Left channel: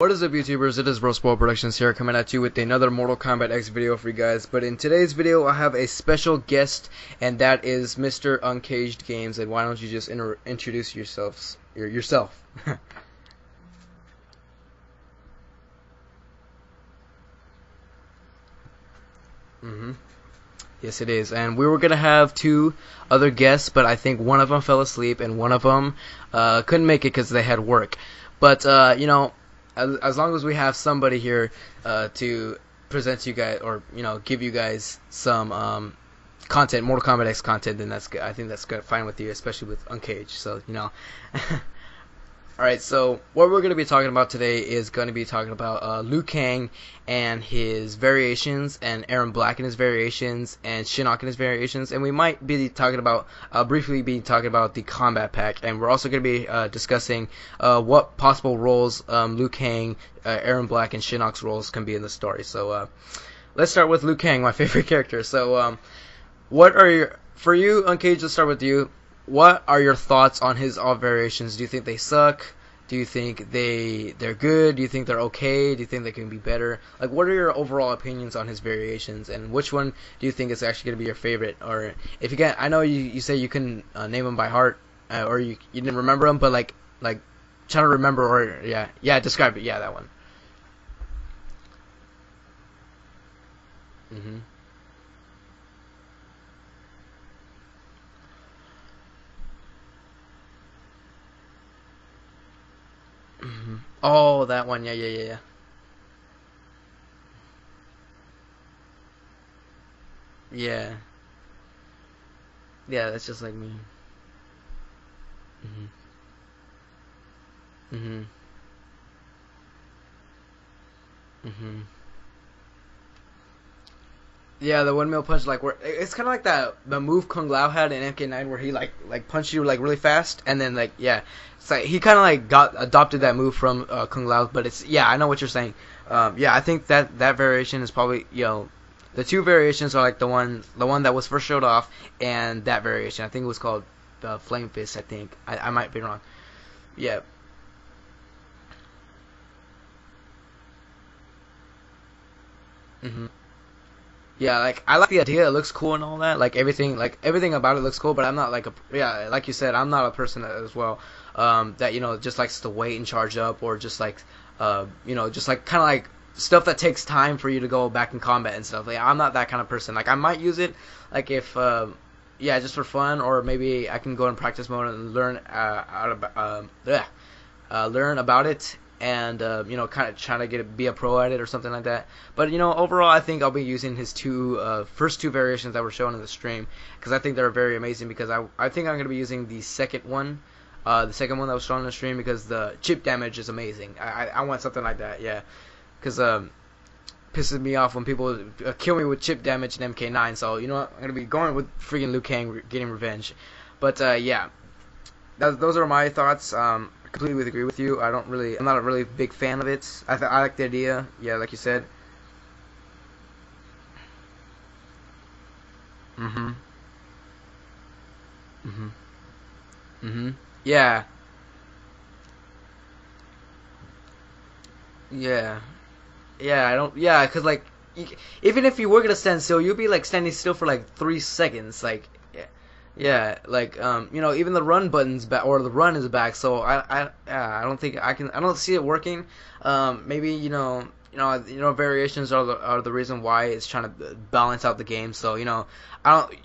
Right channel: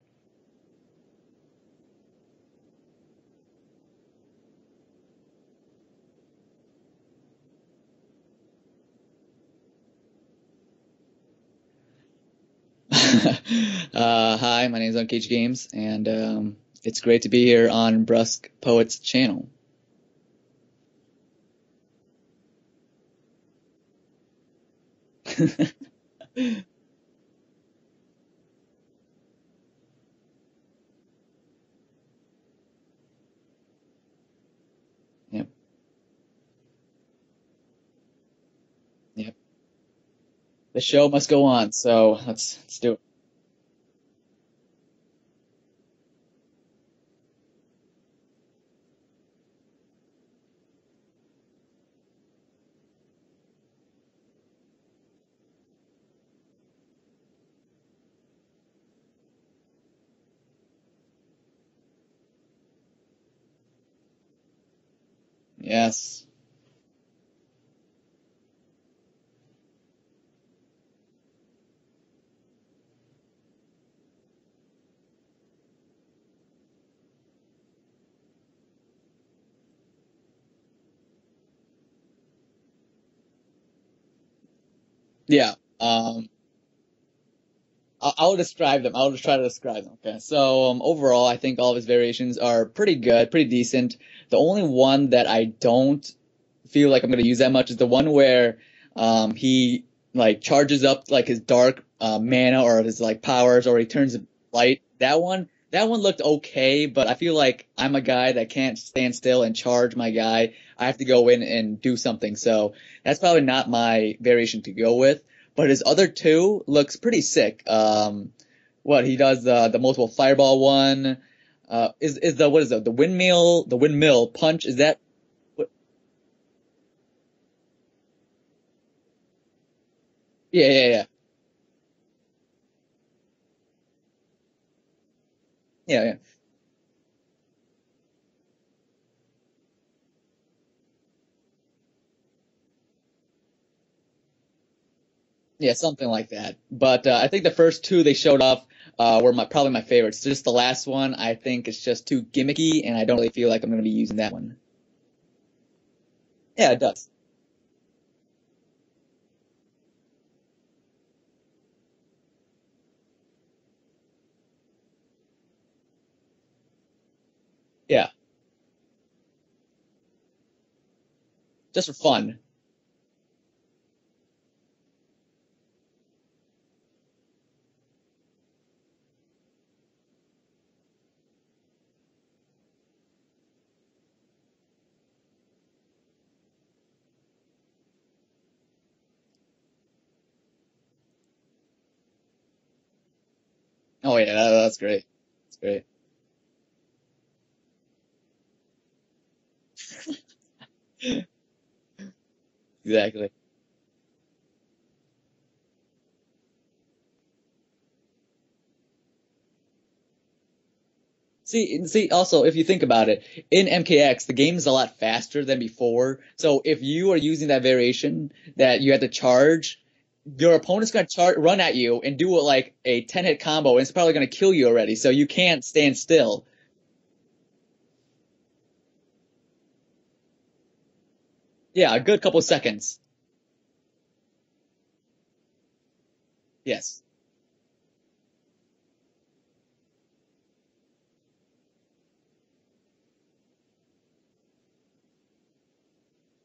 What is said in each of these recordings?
What is up, YouTubers? It is Bro Productions here, coming at you with another Mortal Kombat X video for you guys. But in today's video, I have a special guest, and that is Mr. Uncaged Games. And why don't you just introduce yourself? Hi, my name is Uncaged Games, and it's great to be here on Brusque Poets channel. Yes, it is. And we were gonna have two other guests, but I think one of them fell asleep, and one of them couldn't make it because they had work. But you know, as long as we have somebody here to present you guys, or give you guys some content, Mortal Kombat X content, then that's good. I think that's good, fine with you, especially with Uncaged. So the show must go on. So let's. All right. So what we're going to be talking about today is going to be talking about Liu Kang and his variations, and Eron Black and his variations, and Shinnok and his variations, and we might be talking about briefly the Kombat pack, and we're also going to be discussing what possible roles Liu Kang, Eron Black, and Shinnok's roles can be in the story. So let's start with Liu Kang, my favorite character. So yes. For you, Uncaged, let's start with you. What are your thoughts on his all variations? Do you think they suck? Do you think they're good? Do you think they're okay? Do you think they can be better? Like, what are your overall opinions on his variations, and which one do you think is actually going to be your favorite? Or if you can, I know you say you can name them by heart, or yeah, you didn't remember them, but like trying to remember. I'll describe them. Describe it. Yeah, that one. Okay. So overall, I think all of his variations are pretty good, pretty decent. The only one that I don't feel like I'm going to use that much is the one where he like charges up like his dark mana or his like powers, or he turns that light. one. That one looked okay, but I feel like I'm a guy that can't stand still and charge my guy. I have to go in and do something, so that's probably not my variation to go with. But his other two looks pretty sick. What he does, the multiple fireball one. Is the windmill punch? Yeah, the windmill punch. Like, it's kind of like the move Kung Lao had in MK9, where he like punched you like really fast, and It's like he kind of like adopted that move from Kung Lao, but it's I know what you're saying. I think that variation is probably the two variations are like the one that was first showed off, and that variation I think it was called Flame Fist. I think I might something be wrong. like that. But I think the first two they showed off were probably my favorites. Just the last one, I think it's just too gimmicky, and I don't really feel like I'm gonna be using that one. Yeah, like I like the idea; it looks cool and all that. Like everything about it looks cool. But I'm not like like you said, I'm not a person as well that just likes to wait and charge up, or just like just like kind of like stuff that takes time for you to go back in combat and stuff. Like, I'm not that kind of person. Like, I might use it like if just for fun. Yeah, just for fun, or maybe I can go in practice mode and learn learn about it, and kind of trying to be a pro at it or something like that. But overall, I think I'll be using his first two variations that were shown in the stream, because I think they're very amazing. Because I think I'm gonna be using the second one that was shown in the stream, because the chip damage is amazing. I want something like that. Yeah, because pisses me off when people kill me with chip damage in MK9. So I'm gonna be going with freaking Liu Kang getting revenge. But those are my thoughts. Completely agree with you. I'm not a really big fan of it. I like the idea. Yeah, like you said. See, also, if you think about it, in MKX, the game is a lot faster than before. So if you are using that variation that you have to charge, your opponent's gonna run at you and do like a 10-hit combo, and it's probably gonna kill you already. So you can't stand still. Because like, even if you were gonna stand still, you'd be like standing still for like 3 seconds. Yeah, like, a good couple seconds. Yeah, like even the run button's back, or the run is back. So I don't think I don't see it working. Maybe variations are the reason why it's trying to balance out the game. So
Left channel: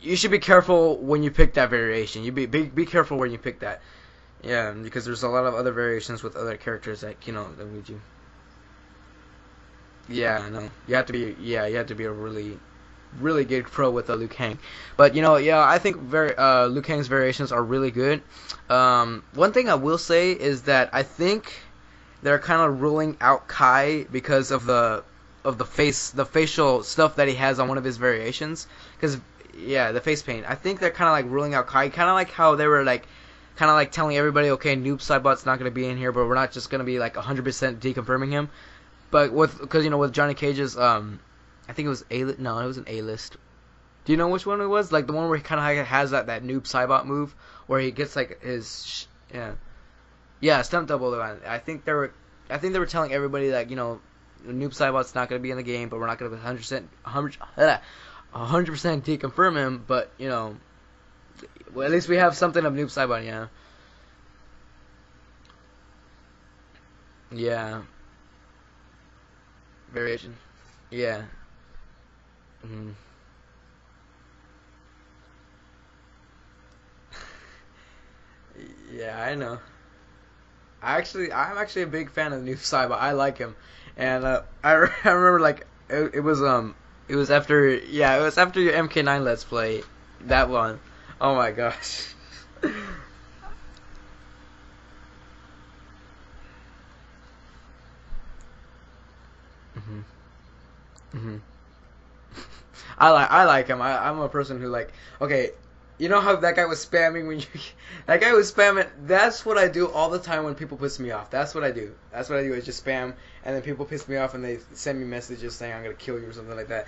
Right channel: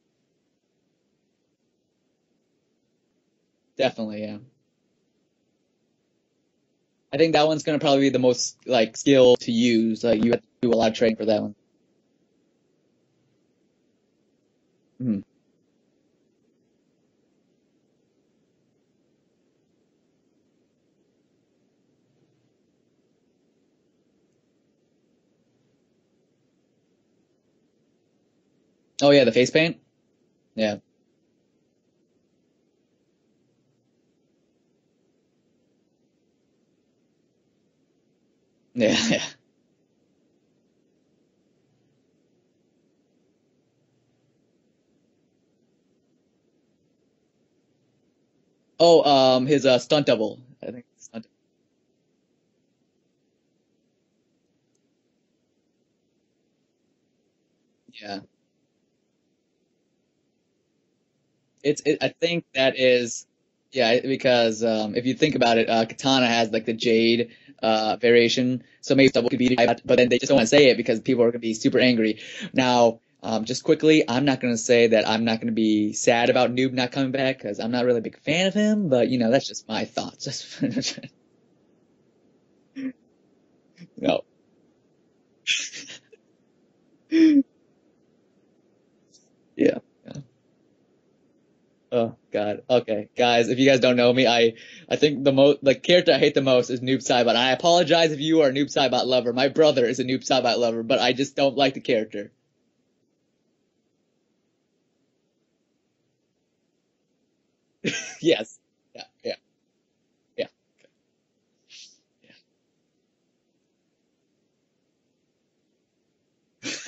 you should be careful when you pick that variation. You be careful when you pick that. Definitely, yeah, because there's a lot of other variations with other characters. I think that one's gonna probably be the most like skill to use. You have to do a lot of training for that one. Yeah, you have to be a really good pro with Liu Kang. But I think Liu Kang's variations are really good. One thing I will say is that I think they're kind of ruling out Kai because of the facial stuff that he has on one of his variations. Oh yeah, the face paint? Yeah, the face paint. I think they're kind of like ruling out Kai, kind of like how they were like kind of like telling everybody, okay, Noob Saibot's not going to be in here, but we're not just going to be like 100% deconfirming him. Yeah. But because with Johnny Cage's I think it was it was an A-list. Do you know which one it was? Like the one where he kind of has that Noob Saibot move where he gets like his his stunt double. Yeah, stunt double. I think I think they were telling everybody that Noob Saibot's not going to be in the game, but we're not going to 100% deconfirm him. But at least we have something of Noob Saibot. Yeah. Yeah, because if you think about it, Katana has like the Jade variation, so maybe Double could be that, but then they just don't want to say it because people are going to be super angry. Now, just quickly, I'm not going to say that I'm not going to be sad about Noob not coming back because I'm not really a big fan of him, but that's just my thoughts. I'm actually a big fan of Noob Saibot. I like him, and I remember like it was after your MK9 Let's Play that one. Oh my gosh. Oh god. Okay, guys, if you guys don't know me, I think the character I hate the most is Noob Saibot. And I apologize if you are a Noob Saibot lover. My brother is a Noob Saibot lover, but I just don't like the character. I like him. I'm a person who okay, you know how that guy was spamming when that guy was spamming. That's what I do all the time when people piss me off. That's what I do. Is just spam, and then people piss me off and they send me messages saying I'm gonna kill you or something like that.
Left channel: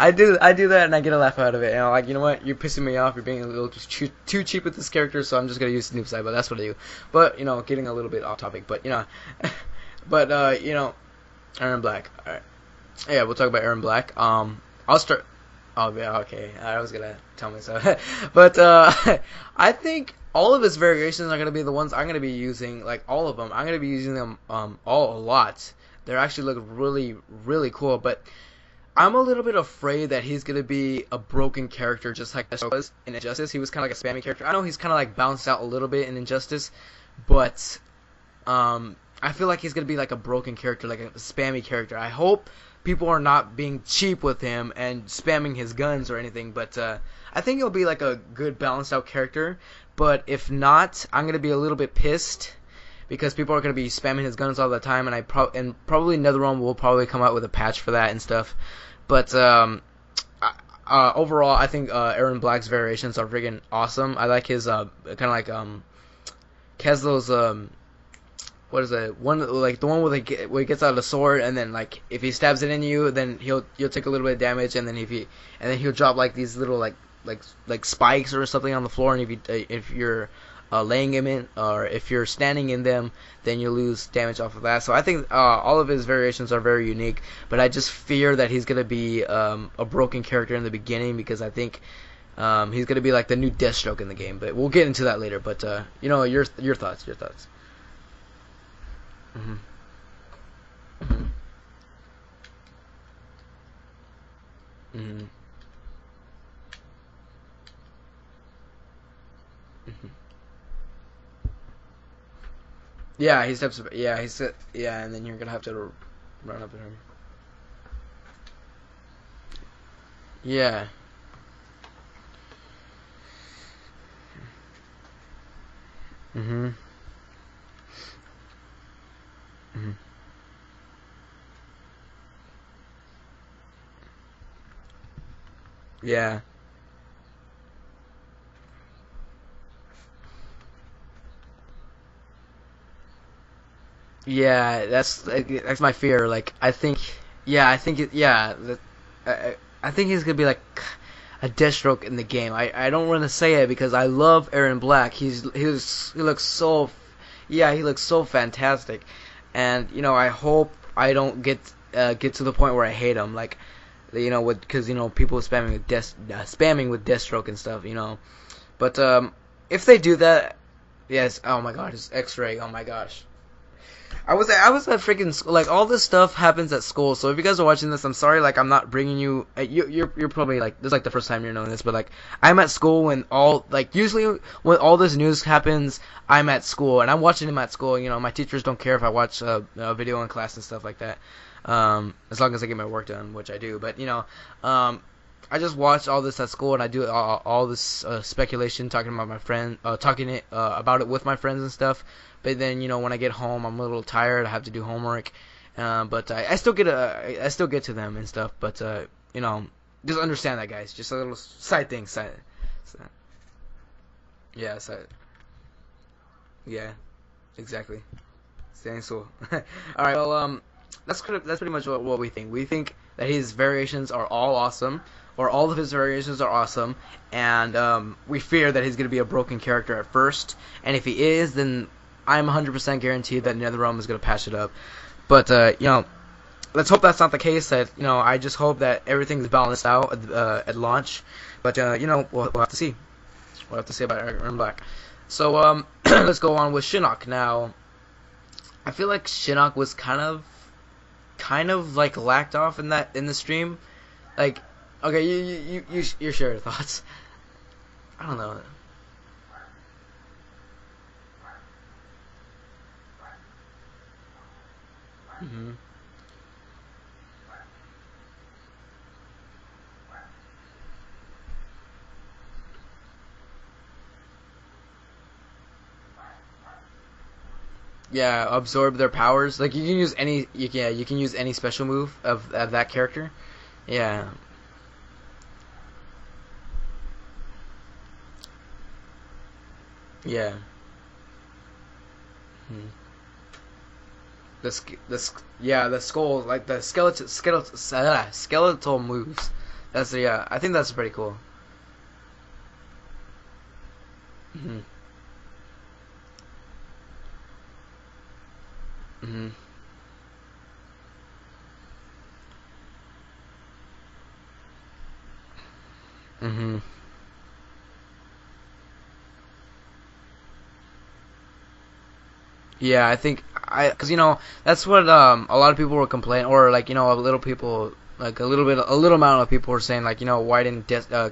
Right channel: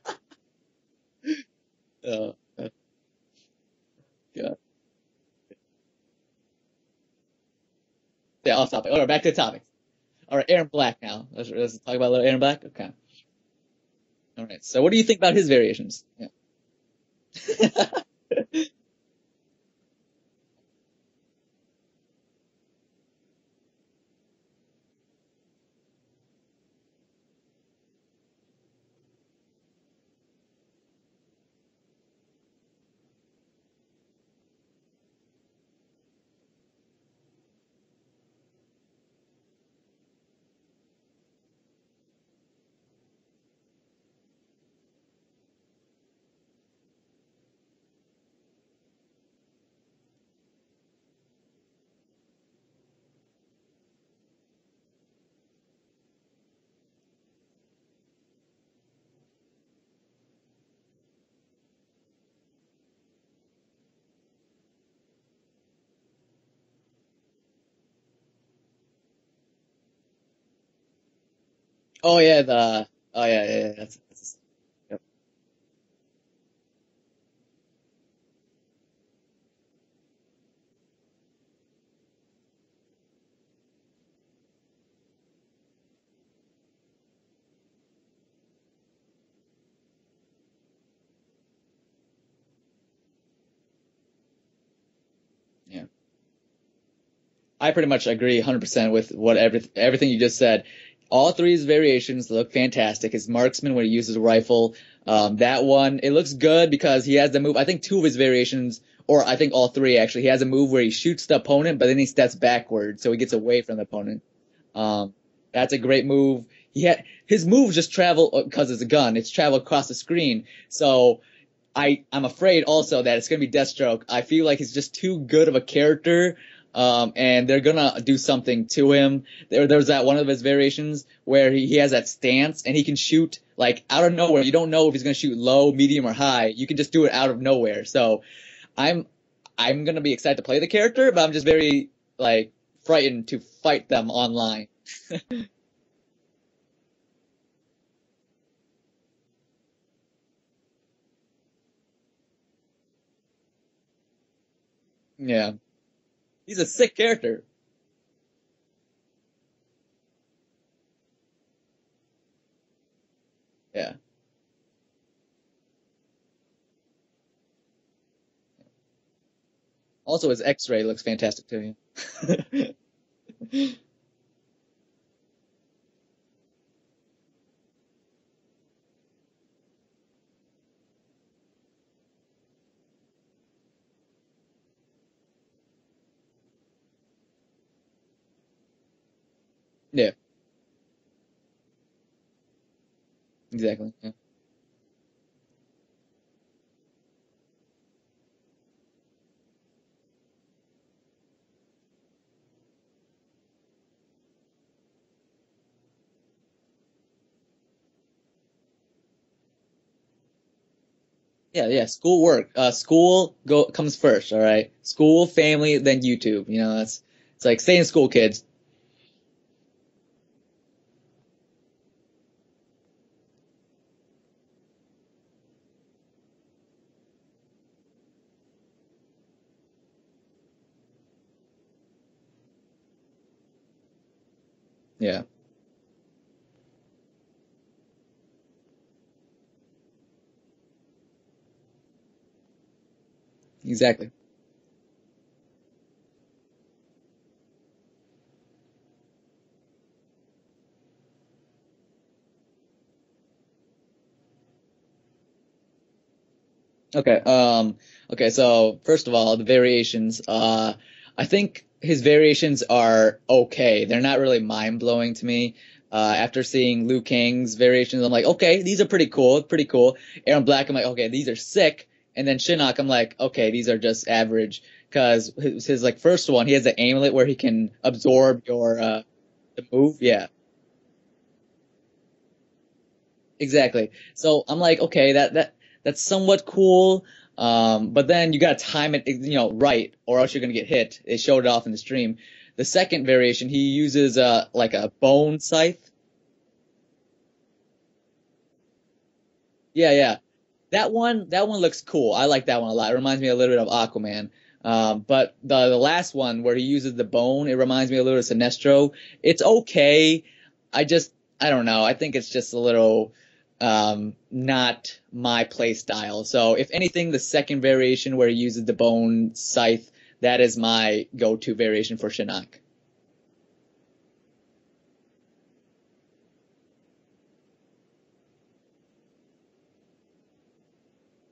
I do that and I get a laugh out of it. And I'm like, you know what? You're pissing me off. You're being a little too cheap with this character, so I'm just gonna use Noob Saibot. That's what I do. But getting a little bit off topic. Yeah, off topic. All right, back to the topic. But Eron Black now. Let's Eron Black. Talk about Eron Black. Okay. Yeah, we'll talk about Eron Black. Okay. So what do you think about his variations? Oh yeah, okay. I was gonna tell me that, but I think all of his variations are gonna be the ones I'm gonna be using. Like all of them, I'm gonna be using them all a lot. They actually look really, really cool. But I'm a little bit afraid that he's gonna be a broken character, just like Shinnok was in Injustice. He was kind of like a spammy character. I know he's kind of like bounced out a little bit in Injustice, but I feel like he's going to be like a broken character, like a spammy character. I hope people are not being cheap with him and spamming his guns or anything, but I think he'll be like a good balanced out character. But if not, I'm going to be a little bit pissed because people are going to be spamming his guns all the time, and probably NetherRealm will probably come out with a patch for that and stuff. But overall, I think Eron Black's variations are friggin' awesome. I like his kind of like he has those what is it? The one where he gets out of the sword and then if he stabs it in you, then he'll take a little bit of damage, and then he'll drop like these little like spikes or something on the floor, and if you're laying him in or if you're standing in them, then you lose damage off of that. So I think all of his variations are very unique, but I just fear that he's gonna be a broken character in the beginning because I think he's going to be like the new Deathstroke in the game, but we'll get into that later. But your thoughts. I pretty much agree 100% with everything you just said. All three of his variations look fantastic. His marksman when he uses a rifle, that one it looks good because he has the move. I think two of his variations, or I think all three actually, he has a move where he shoots the opponent, but then he steps backward, so he gets away from the opponent. And then you're gonna have that's a great move. Yeah, his moves just travel because it's a gun. It's travel across the screen. Yeah. So I'm afraid also that it's going to be Deathstroke. I feel like he's just too good of a character, and they're going to do something to him. There's that one of his variations where he has that stance, and he can shoot like out of nowhere. You don't know if he's going to shoot low, medium, or high. You can just do it out of nowhere. So I'm going to be excited to play the character, but I'm just very frightened to fight them online. Yeah, that's my fear. I think he's going to be like a Deathstroke in the game. I don't want to say it because I love Eron Black. He looks He's a sick character. Yeah, he looks so fantastic, and I hope I don't get to the point where I hate him. Because people spamming with Deathstroke and stuff. But if they do also, that, his X-ray looks fantastic. Yes. Oh my god, his X-ray. Oh my gosh. I was at freaking school. All this stuff happens at school. So if you guys are watching this, I'm sorry. I'm not bringing you. You're probably this is the first time you're knowing this. But I'm at school when usually when all this news happens, I'm at school and I'm watching them at school. My teachers don't care if I watch a video in class and stuff like that. As long as I get my work done, which I do. But I just watch all this at school and I do all this speculation, talking about my friend, about it with my friends and stuff. But then when I get home, I'm a little tired. I have to do homework, but I still get to them and stuff. But just understand that, guys. Just a little side thing. School work. School comes first. All right. Yeah, school, family, then YouTube. It's like stay in school, kids. Stay in school. All right. Well, that's pretty much what we think. We think that his variations are all awesome, or all of his variations are awesome, and we fear that he's going to be a broken character at first. And if he is, then I'm 100% guaranteed that NetherRealm is gonna patch it up. Yeah. But let's hope that's not the case. That I just hope that everything's balanced out at launch. But we'll have to see. We'll have to see about Eron Black. So let's go on with Shinnok now. I feel like Shinnok was kind of like lacked off in the stream. Like, okay, you share your thoughts. Okay. Okay. So first of all, the variations. I think his variations are okay. They're not really mind blowing to me. After seeing Liu Kang's variations, I'm like, okay, these are pretty cool. Pretty cool. Eron Black, I'm like, okay, these are sick. And then Shinnok, I'm like, okay, these are just average. Because his like first one, he has an amulet where he can absorb their powers. Like you can use you can use any special move of that character. Exactly. Yeah. So I'm like, okay, that's somewhat cool. But then you gotta time it, right, or else you're gonna get hit. They showed it off in the stream. The second variation, he uses like a bone sight. Yeah, the skull, like the skeletal moves. Yeah. I think that's pretty cool. That one looks cool. I like that one a lot. It reminds me a little bit of Aquaman. But the last one where he uses the bone, it reminds me a little of Sinestro. It's okay. I don't know. I think it's just a little not my play style. So if anything, the second variation where he uses the bone scythe, that is my go-to variation for Shinnok. Yeah, I think because that's what a lot of people were complaining, or like a little people. Like a little amount of people were saying like why didn't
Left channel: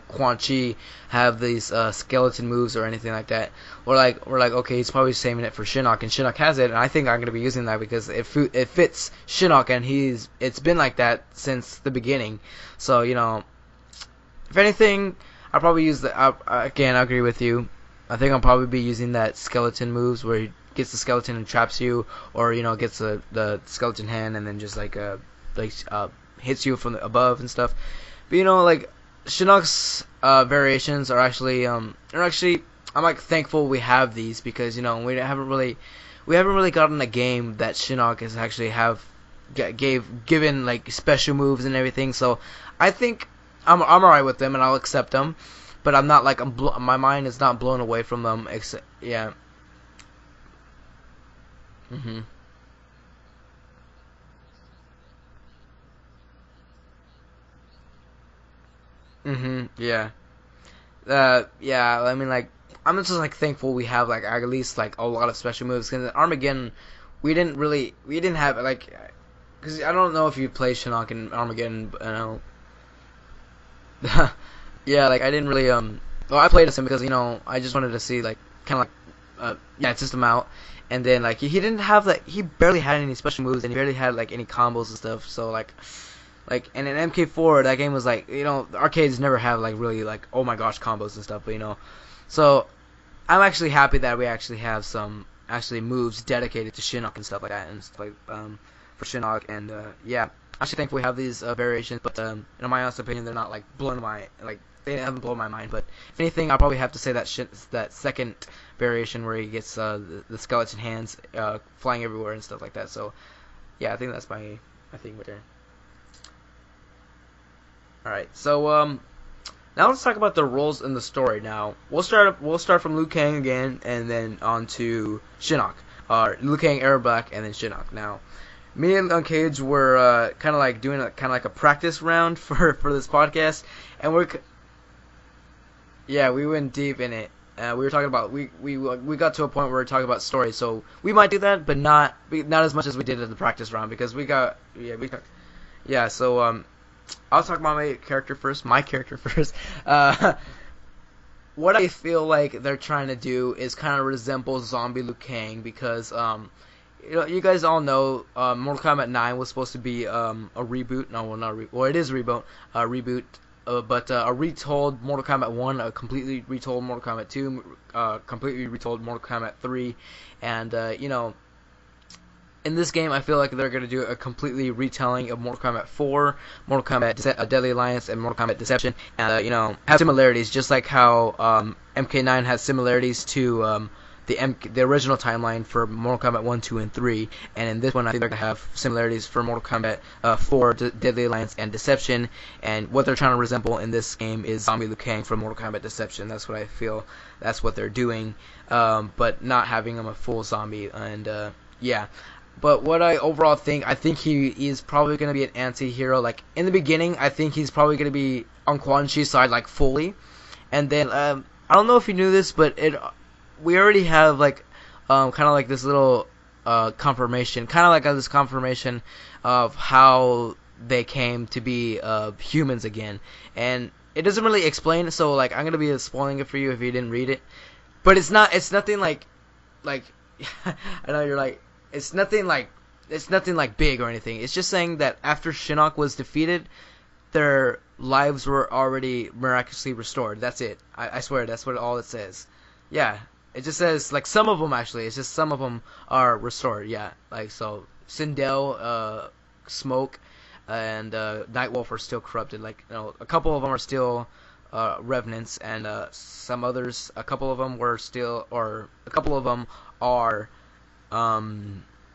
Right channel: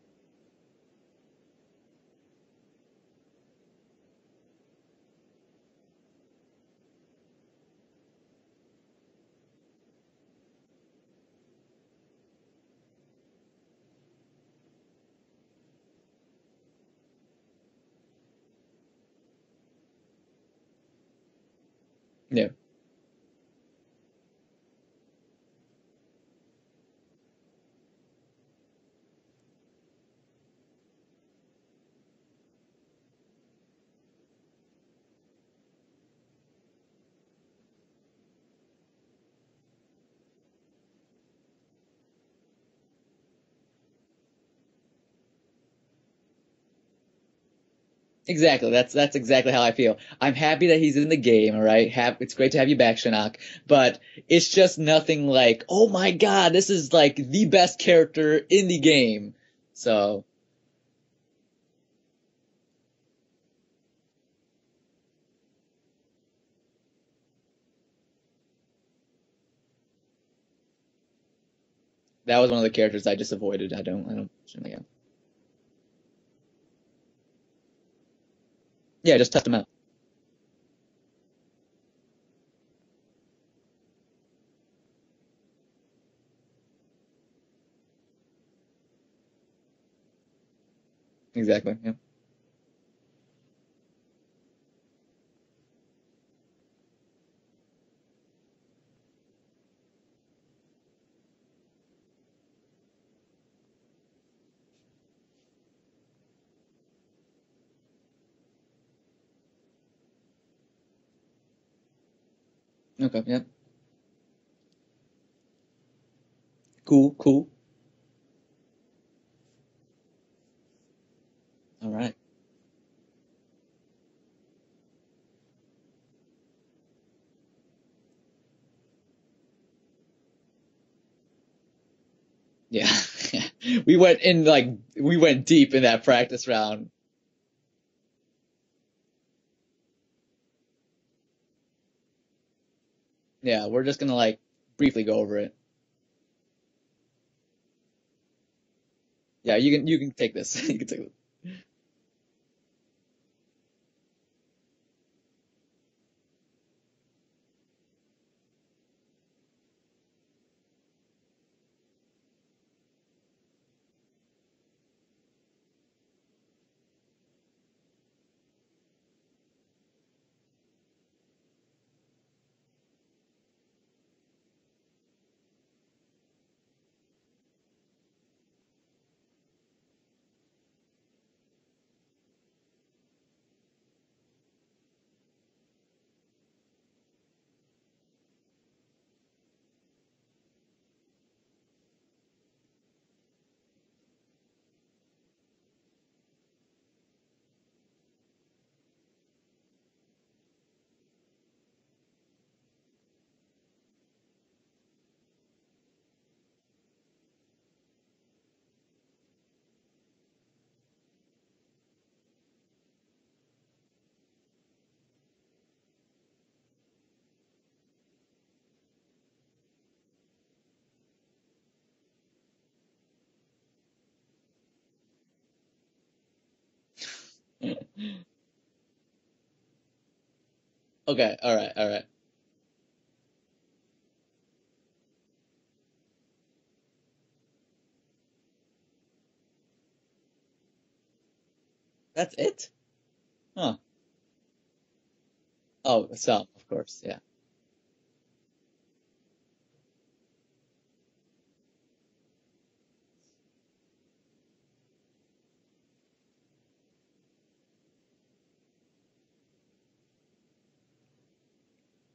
Quan Chi have these skeleton moves or anything like that? We're like okay, he's probably saving it for Shinnok, and Shinnok has it, and I think I'm gonna be using that because it fits Shinnok, and it's been like that since the beginning. So if anything, I'll probably use again. I agree with you. I think I'll probably be using that skeleton moves where he gets the skeleton and traps you, or gets the skeleton hand and then just hits you from above and stuff. But like Shinnok's variations are actually I'm like thankful we have these because we haven't really gotten a game that Shinnok has actually given like special moves and everything. So I think I'm alright with them and I'll accept them. But I'm not like my mind is not blown away from them. Exactly, that's exactly how I feel. I'm happy that he's in the game. All right, it's great to have you back, Shinnok. But it's just nothing like, oh my god, this is like the best character in the game. So, yeah. I mean, like, I'm just like thankful we have like at least like a lot of special moves. Because Armageddon, we didn't have like. Because I don't know if you play Shinnok in Armageddon. That was one of the characters I just avoided. I don't. Yeah, like I didn't really Well, I played as him because I just wanted to see like kind of like just test him out. Yeah, test him out. And then like he didn't have he barely had any special moves and he barely had like any combos and stuff. So like and in MK4 that game was like the arcades never have like really like oh my gosh combos and stuff. Exactly. Yeah. So I'm actually happy that we actually have some moves dedicated to Shinnok and stuff like that and stuff like for Shinnok, and I actually think we have these variations, but in my honest opinion, they're not like they haven't blown my mind. But if anything, I'll probably have to say that second variation where he gets the skeleton hands flying everywhere and stuff like that. So yeah, I think that's my thing right there. Cool. All right, so now let's talk about the roles in the story. Now we'll start from Liu Kang again, and then on to Shinnok, Liu Kang, Eron Black, and then Shinnok. Now. Me and Uncaged were kind of like doing a practice round for this podcast. we went deep in that practice round. Yeah, we went deep in it. We were talking about we got to a point where we were talking about stories, so we might do that, but not as much as we did at the practice round just because gonna, briefly go over it. Yeah, so I'll talk about my character first. Yeah, you can take this. You can take it. What I feel like they're trying to do is kind of resemble Zombie Liu Kang because you guys all know Mortal Kombat 9 was supposed to be a reboot. No, well, not it is a reboot. But a retold Mortal Kombat 1, a completely retold Mortal Kombat 2, completely retold Mortal Kombat 3, and in this game I feel like they're gonna do a completely retelling of Mortal Kombat 4, Mortal Kombat Deadly Alliance, and Mortal Kombat Deception, and have similarities, just like how MK9 has similarities to the original timeline for Mortal Kombat 1, 2, and 3, and in this one I think they're gonna have similarities for Mortal Kombat 4, Deadly Alliance, and Deception. And what they're trying to resemble in this game is Zombie Liu Kang from Mortal Kombat Deception. That's what I feel. That's what they're doing, but not having him a full zombie. And yeah. But what I overall think, I think he is probably going to be an anti-hero. Like, in the beginning, I think he's probably going to be on Quan Chi's side, like, fully. And then, I don't know if you knew this, but we already have, like, kind of like this little confirmation. Kind of like this confirmation of how they came to be humans again. And it doesn't really explain, so, like, I'm going to be spoiling it for you if you didn't read it. But it's nothing like... I know okay, you're like, all right. it's nothing like big or anything. It's just saying that after Shinnok was defeated, their lives were already miraculously restored. That's it. I swear, that's what all it says. That's it? Yeah. It just says, like, some of them, actually. It's just some of them are restored. Yeah. Like, so, Sindel, Smoke, and Nightwolf are still corrupted. Like, you know, a couple of them are still revenants, and some others, a couple of them are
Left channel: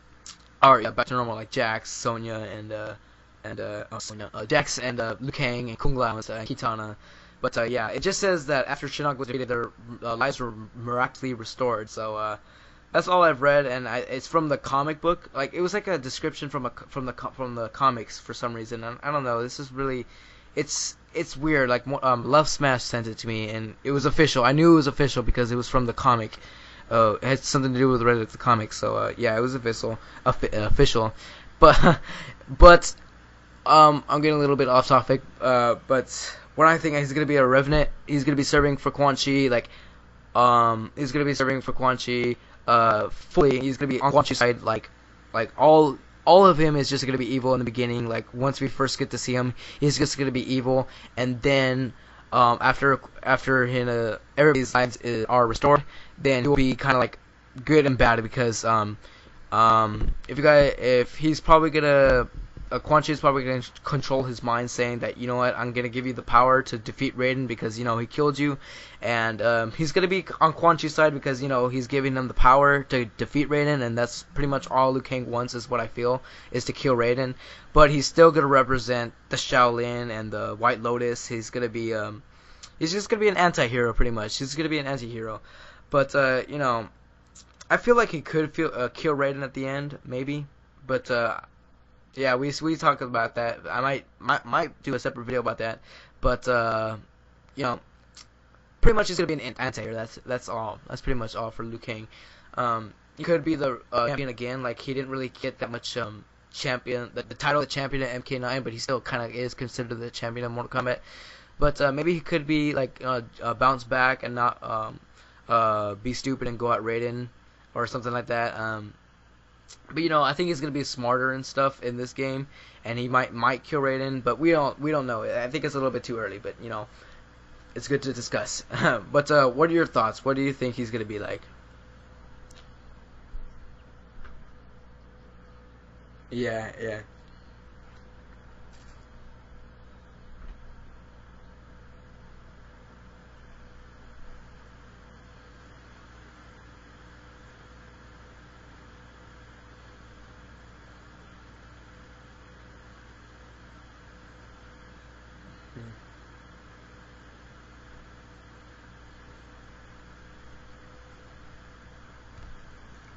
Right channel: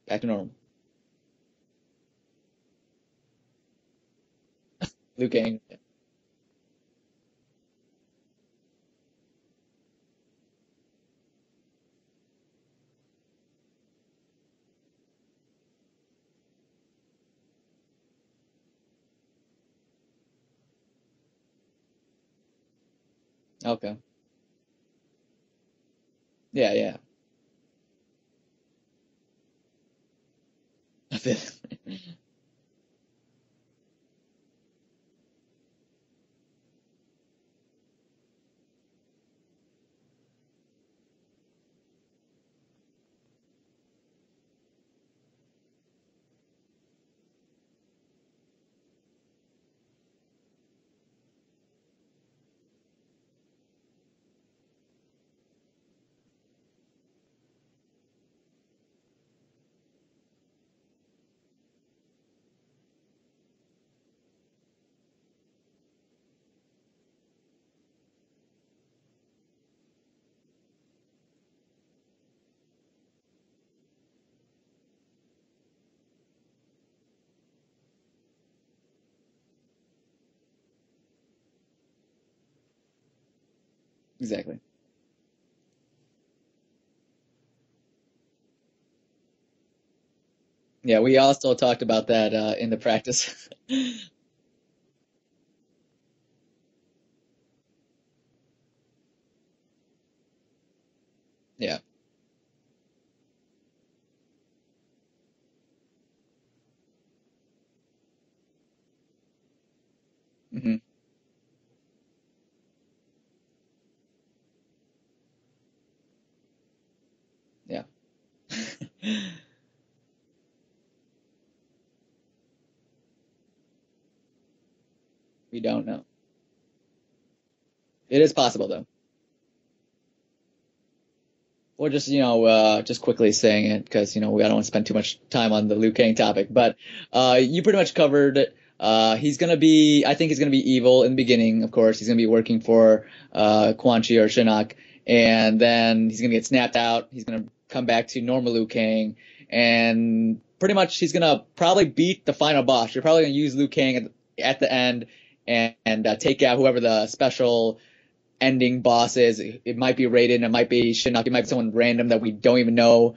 back to normal. Back to normal, like Jax, Sonya, and Jax and Liu Kang and Kung Lao and Kitana. But yeah, it just says that after Shinnok was defeated, their lives were miraculously restored. So that's all I've read, and it's from the comic book. Like, it was like a description from the comics for some reason. I don't know. This is really, it's weird. Like, Love Smash sent it to me, and it was official. I knew it was official because it was from the comic. Yeah. It had something to do with the comic. So yeah, it was official. But I'm getting a little bit off topic. But what I think, he's gonna be a revenant. He's gonna be serving for Quan Chi. Like, he's gonna be serving for Quan Chi. Fully. He's gonna be on Quan Chi's side. Like all of him is just going to be evil in the beginning. Like, once we first get to see him, he's just going to be evil. And then, after everybody's lives are restored, then he'll be kind of like good and bad, because if he's probably gonna Quan Chi is probably gonna control his mind, saying that, you know what, I'm gonna give you the power to defeat Raiden because, you know, he killed you, and he's gonna be on Quan Chi's side because, you know, he's giving him the power to defeat Raiden, and that's pretty much all Liu Kang wants, is what I feel, is to kill Raiden. But he's still gonna represent the Shaolin and the White Lotus. He's gonna be he's just gonna be an anti-hero, pretty much. Exactly. He's gonna be an anti-hero. But you know, I feel like he could kill Raiden at the end, maybe. Yeah, we also talked about that. Yeah, we talked about that. I might do a separate video about that. But you know, pretty much he's gonna be an anti-hero. That's all. That's pretty much all for Liu Kang. He could be the champion again. Like, he didn't really get that much champion, the title of the champion at MK9, but he still kind of is considered the champion of Mortal Kombat. But maybe he could be like bounce back and not be stupid and go at Raiden or something like that. But, you know, I think he's gonna be smarter and stuff in this game, and he might kill Raiden, but we don't know. I think it's a little bit too early, but, you know, it's good to discuss. It is possible, But what are your thoughts? What do you think he's gonna be like? Well, just, you know, just quickly saying it, because, you know, we don't want to spend too much time on the Liu Kang topic, you pretty much covered it. I think he's gonna be evil in the beginning. Of course, he's gonna be working for Quan Chi or Shinnok, and then he's gonna get snapped out. He's gonna come back to normal Liu Kang, and pretty much he's gonna probably beat the final boss. You're probably gonna use Liu Kang at the end and take out whoever the special ending boss is. It might be Raiden, it might be Shinnok, it might be someone random that we don't even know.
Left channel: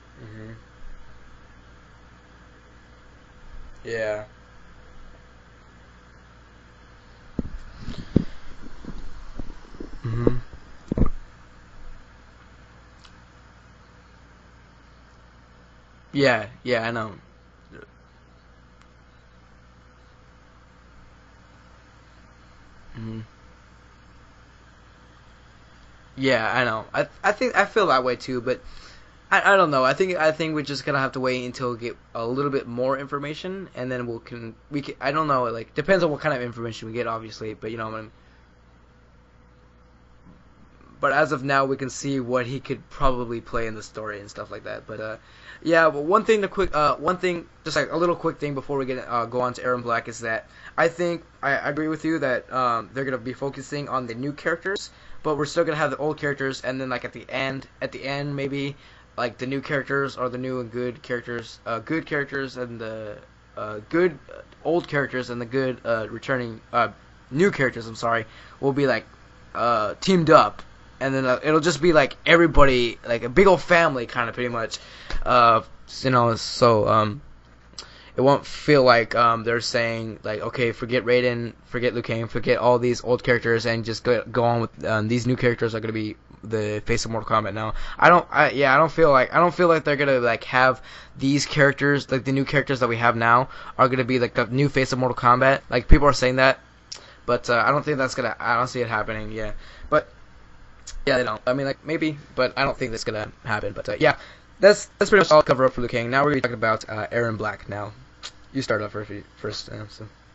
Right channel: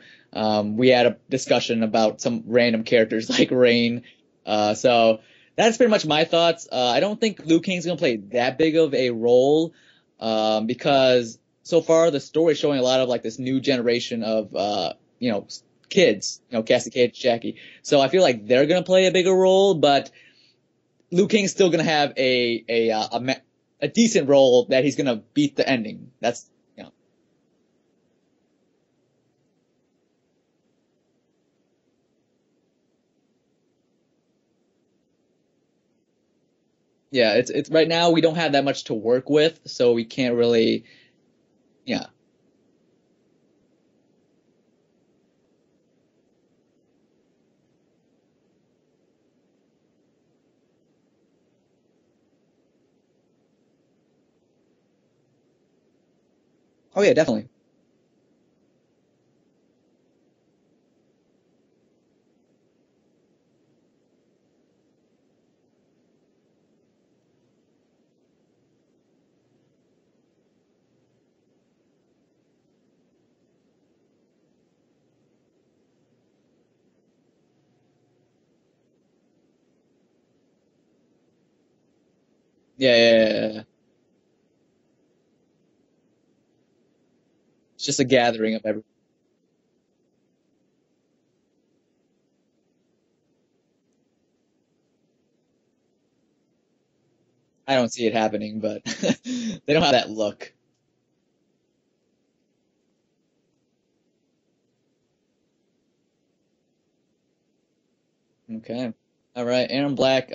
We had a discussion about some random characters like Rain. So that's pretty much my thoughts. I don't think Liu Kang's gonna play that big of a role, because so far the story is showing a lot of like this new generation of you know, kids, Cassie, Cage, Jackie. So I feel like they're gonna play a bigger role, but Liu Kang's still gonna have a decent role that he's gonna beat the ending. I know. I feel that way too, but I don't know. I think we're just gonna have to wait until we get a little bit more information, and then we can. I don't know. Like, depends on what kind of information we get. Obviously, it's right now we don't have that much to work with, so we can't really. But as of now, we can see what he could probably play in the story and stuff like that. But Yeah, but one thing, just like a little quick thing before we get go on to Eron Black is that I think I agree with you that they're gonna be focusing on the new characters, but we're still gonna have the old characters, and then like at the end maybe like the new characters or the new and good characters, good characters and the good old characters and the good returning new characters. I'm sorry, will be like teamed up, and then it'll just be like everybody, like a big old family, kind of pretty much. So it won't feel like they're saying like, okay, forget Raiden, forget Liu Kang, forget all these old characters, and just go on with these new characters are gonna be the face of Mortal Kombat now. It's just a gathering. I don't feel like they're gonna like have these characters, like the new characters that we have now are gonna be like the new face of Mortal Kombat. Like people are saying that, but I don't think that's gonna. I don't see it happening. Yeah, they don't have that look. Yeah, they don't. I mean, like maybe, but I don't think that's gonna happen. But yeah, that's pretty much all cover up for Liu Kang. Now we're gonna be talking about Eron Black. Now, you start off first. All right, Eron Black.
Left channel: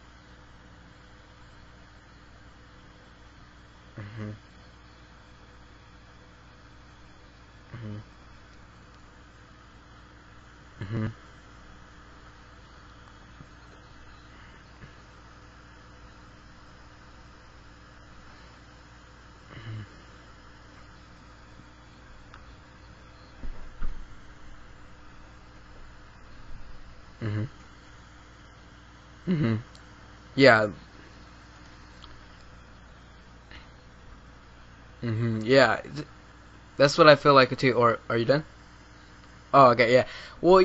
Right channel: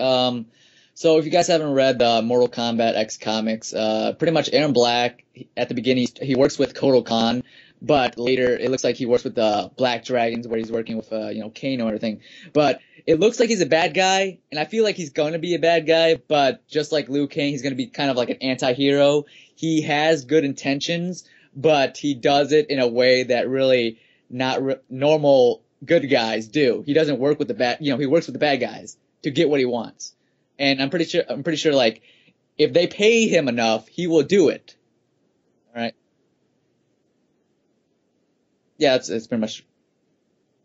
So if you guys haven't read the Mortal Kombat X comics, pretty much Eron Black at the beginning he works with Kotal Khan, but later it looks like he works with the Black Dragons where he's working with Kano and everything. But it looks like he's a bad guy, and I feel like he's going to be a bad guy, but just like Liu Kang, he's going to be kind of like an anti-hero. He has good intentions, but he does it in a way that really not normal good guys do. He doesn't work with the bad, he works with the bad guys to get what he wants. Yeah. And I'm pretty sure like if they pay him enough, he will do it. Yeah. Right? That's what I feel like too. Or are you done? Yeah, it's pretty much. Oh, okay, yeah. Well,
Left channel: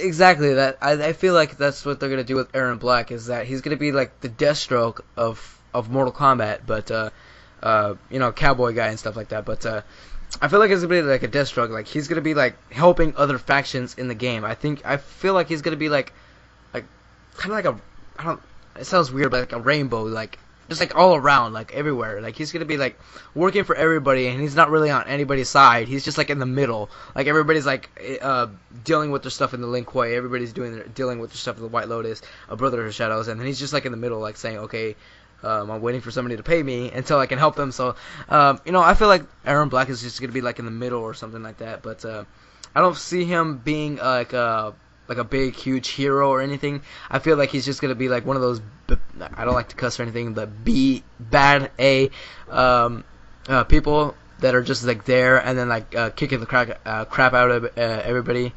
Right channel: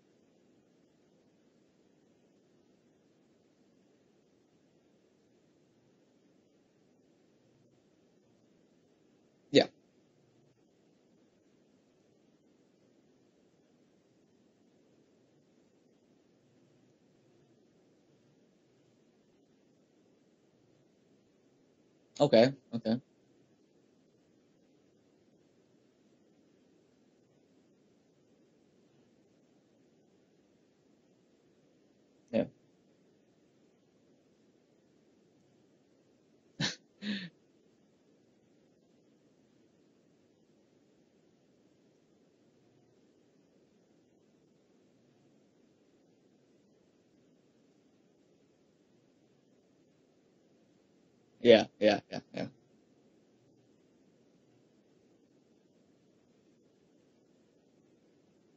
exactly that. I feel like that's what they're gonna do with Eron Black, is that he's gonna be like the Deathstroke of Mortal Kombat, but cowboy guy and stuff like that. But I feel like it's gonna be like a Deathstroke. Like he's gonna be like helping other factions in the game. I feel like he's gonna be like kind of like it sounds weird, but like a rainbow, like just like all around, like everywhere. Like he's gonna be like working for everybody, and he's not really on anybody's side. He's just like in the middle. Like everybody's like dealing with their stuff in the Lin Kuei. Everybody's dealing with their stuff in the White Lotus, a Brother of Shadows, and then he's just like in the middle, like saying, okay, I'm waiting for somebody to pay me until I can help them. So I feel like Eron Black is just gonna be like in the middle or something like that. But I don't see him being like a big, huge hero or anything. I feel like he's just gonna be like one of those. I don't like to cuss or anything. The people that are just like there and then like kicking the crap out of everybody.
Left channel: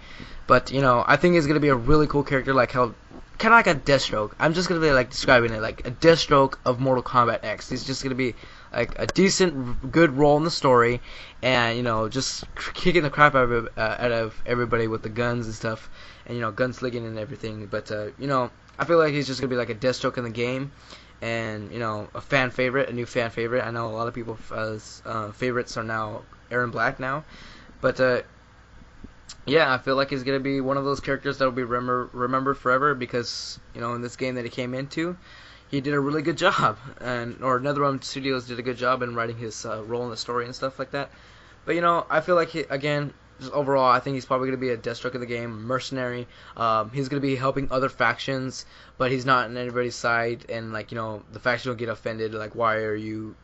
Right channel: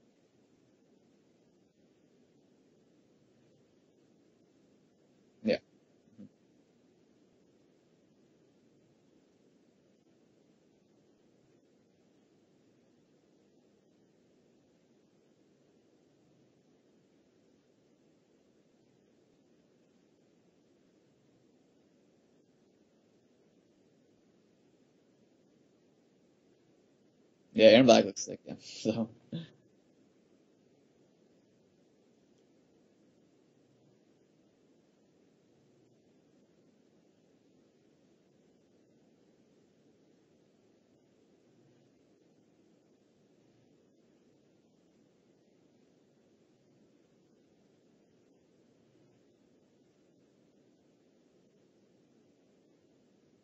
But I think he's gonna be a really cool character, like how kind of like a Deathstroke. I'm just gonna be like describing it like a Deathstroke of Mortal Kombat X. He's just gonna be like a decent, good role in the story, and just kicking the crap out of everybody with the guns and stuff. And gunslinging and everything, but I feel like he's just gonna be like a Deathstroke in the game, and a new fan favorite. I know a lot of people's favorites are now Eron Black now. Yeah, Eron Black. So. Yeah, I feel like he's gonna be one of those characters that will be remembered forever because in this game that he came into, he did a really good job, or NetherRealm Studios did a good job in writing his role in the story and stuff like that. But I feel like just overall, I think he's probably going to be a Deathstroke of the game, mercenary. He's going to be helping other factions, but he's not on anybody's side. And, the faction will get offended. Like, why are you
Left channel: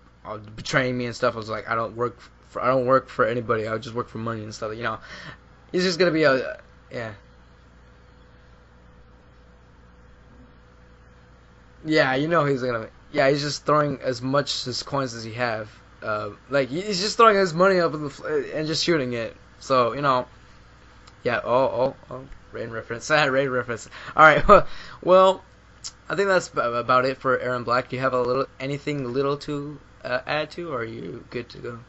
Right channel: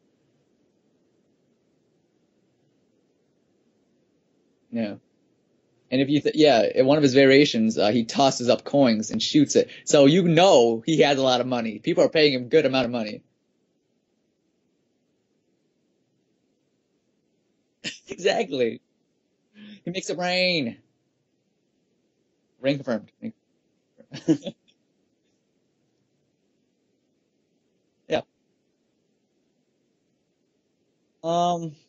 betraying me and stuff? I was like, I don't work for anybody. I just work for money and stuff. He's just going to be in one of his variations, he tosses up coins and shoots it. So he has a lot of money. People are paying him a good amount of money. Yeah, he's just throwing as much as coins as he have. He's just throwing his money up in the exactly. and just shooting it. So it makes it rain. Yeah. Rain reference. Rain reference. All right. Well, I think that's about it for Eron Black. Do you have anything little to add to, or are you good to go?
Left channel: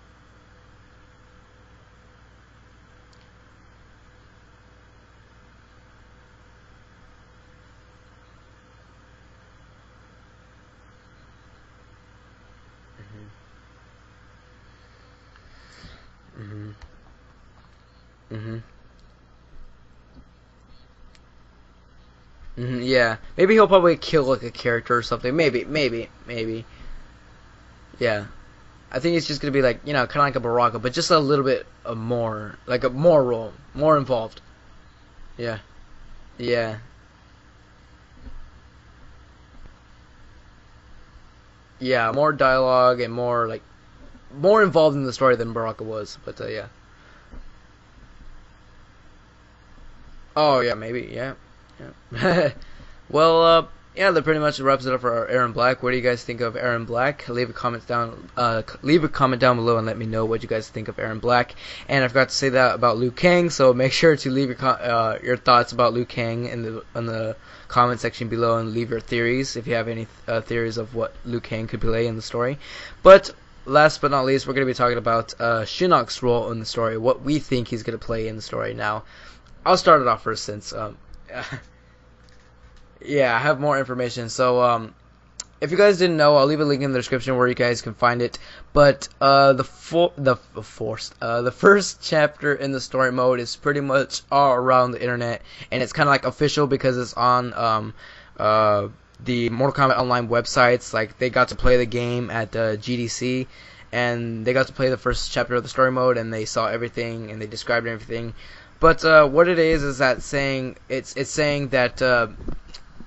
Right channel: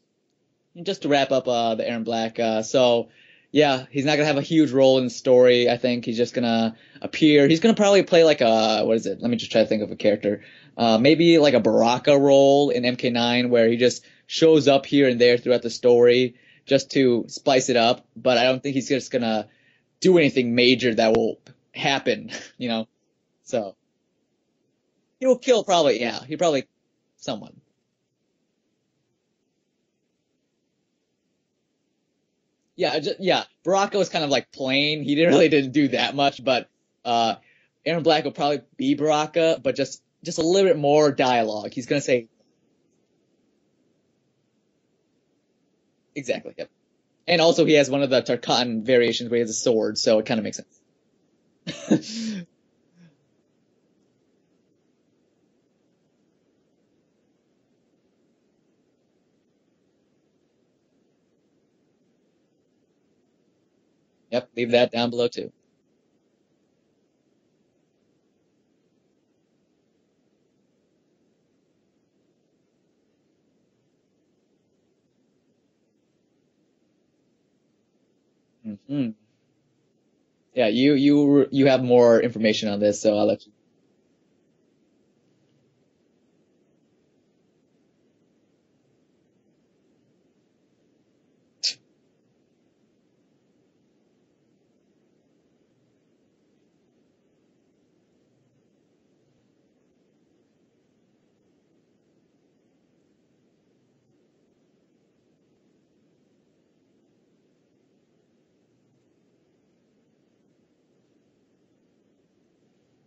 Just to wrap up the Eron Black. He's not gonna have a huge role in the story. I think he's just gonna appear. He's gonna probably play like a what is it? Let me just try to think of a character. Maybe like a Baraka role in MK9, where he just shows up here and there throughout the story just to spice it up, but I don't think he's just gonna do anything major that will happen. Yeah, maybe he'll probably kill like a character or something. Maybe probably someone. Yeah, I think it's just gonna be like kind of like a Baraka, but just a little bit more like role. Baraka was kind of like plain. He didn't do that much, but Eron Black will probably be Baraka, but just a little bit more dialogue. He's gonna say more dialogue and more involved in the story than Baraka was. Exactly. But, And also, he has one of the Tarkatan variations where he has a sword, so it kind of. Oh yeah, maybe yeah. Well, yeah, that pretty much wraps it up for our Eron Black. What do you guys think of Eron Black? Leave a comment down below and let me know what you guys think of Eron Black. And I forgot to say that about Liu Kang, so make sure to leave your thoughts about Liu Kang in the comment section below, and leave your theories if you have any theories of what Liu Kang could play in the story. But last but not least, we're going to be talking about Shinnok's role in the story, what we think he's going to play in the story now. I'll start it off first. Since, you have more information on this. So. Yeah, I have more information. So, if you guys didn't know, I'll leave a link in the description where you guys can find it. But the first chapter in the story mode is pretty much all around the internet, and it's kind of like official because it's on the Mortal Kombat Online websites. Like, they got to play the game at GDC, and they got to play the first chapter of the story mode, and they saw everything, and they described everything. But what it is that it's saying that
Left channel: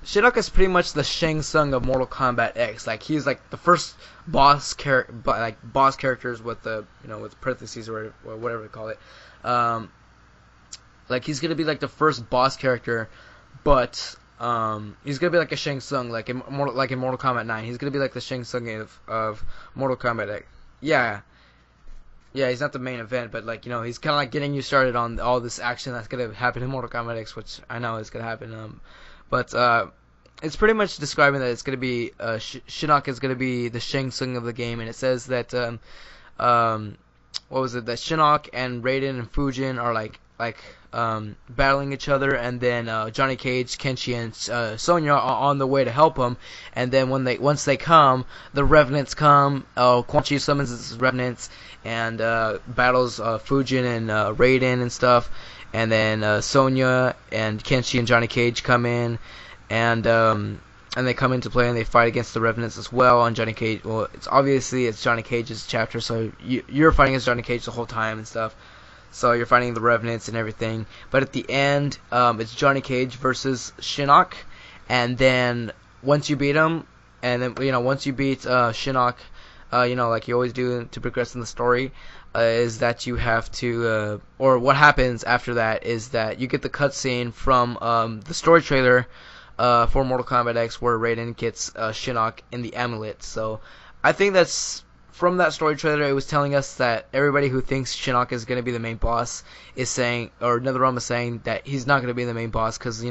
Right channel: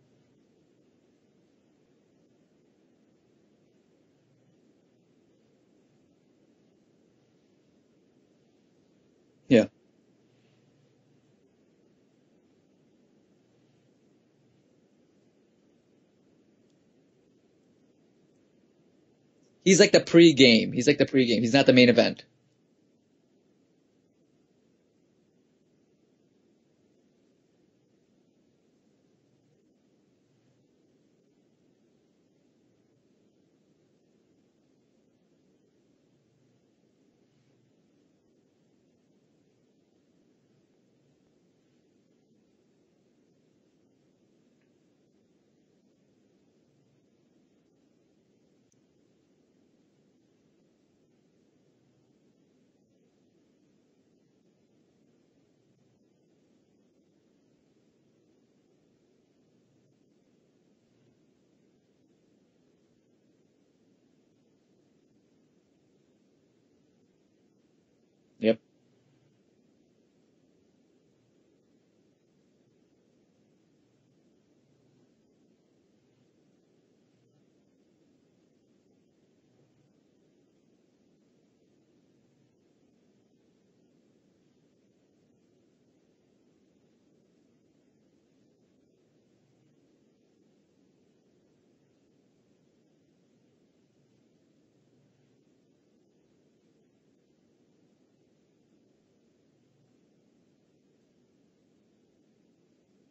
Shinnok is pretty much the Shang Tsung of Mortal Kombat X. Like, he's like the first boss characters with the with parentheses or whatever they call it. Like, he's gonna be like the first boss character, but he's gonna be like a Shang Tsung, like in Mortal Kombat 9. He's gonna be like the Shang Tsung of. He's like the pre-game. He's like the pre-game. He's not the main event. Yeah, he's not the main event, but like he's kind of like getting you started on all this action that's gonna happen in Mortal Kombat X, which I know is gonna happen. But it's pretty much describing that it's gonna be Shinnok is gonna be the Shang Tsung of the game, and it says that what was it? That Shinnok and Raiden and Fujin are like battling each other, and then Johnny Cage, Kenshi, and Sonya are on the way to help him. And then once they come, the Revenants come. Quan Chi summons his Revenants and battles Fujin and Raiden and stuff. And then Sonya and Kenshi and Johnny Cage come in, and they come into play and they fight against the Revenants as well. And Johnny Cage, well, it's Johnny Cage's chapter, so you're fighting against Johnny Cage the whole time and stuff. Yep. So you're fighting the Revenants and everything. But at the end, it's Johnny Cage versus Shinnok. And then once you beat him, and then once you beat Shinnok, like you always do to progress in the story, is that you have to, or what happens after that is that you get the cutscene from the story trailer for Mortal Kombat X, where Raiden gets Shinnok in the amulet. So I think that's. From that story trailer, it was telling us that everybody who thinks Shinnok is going to be the main boss is saying, or NetherRealm is saying, that he's not going to be the main boss because,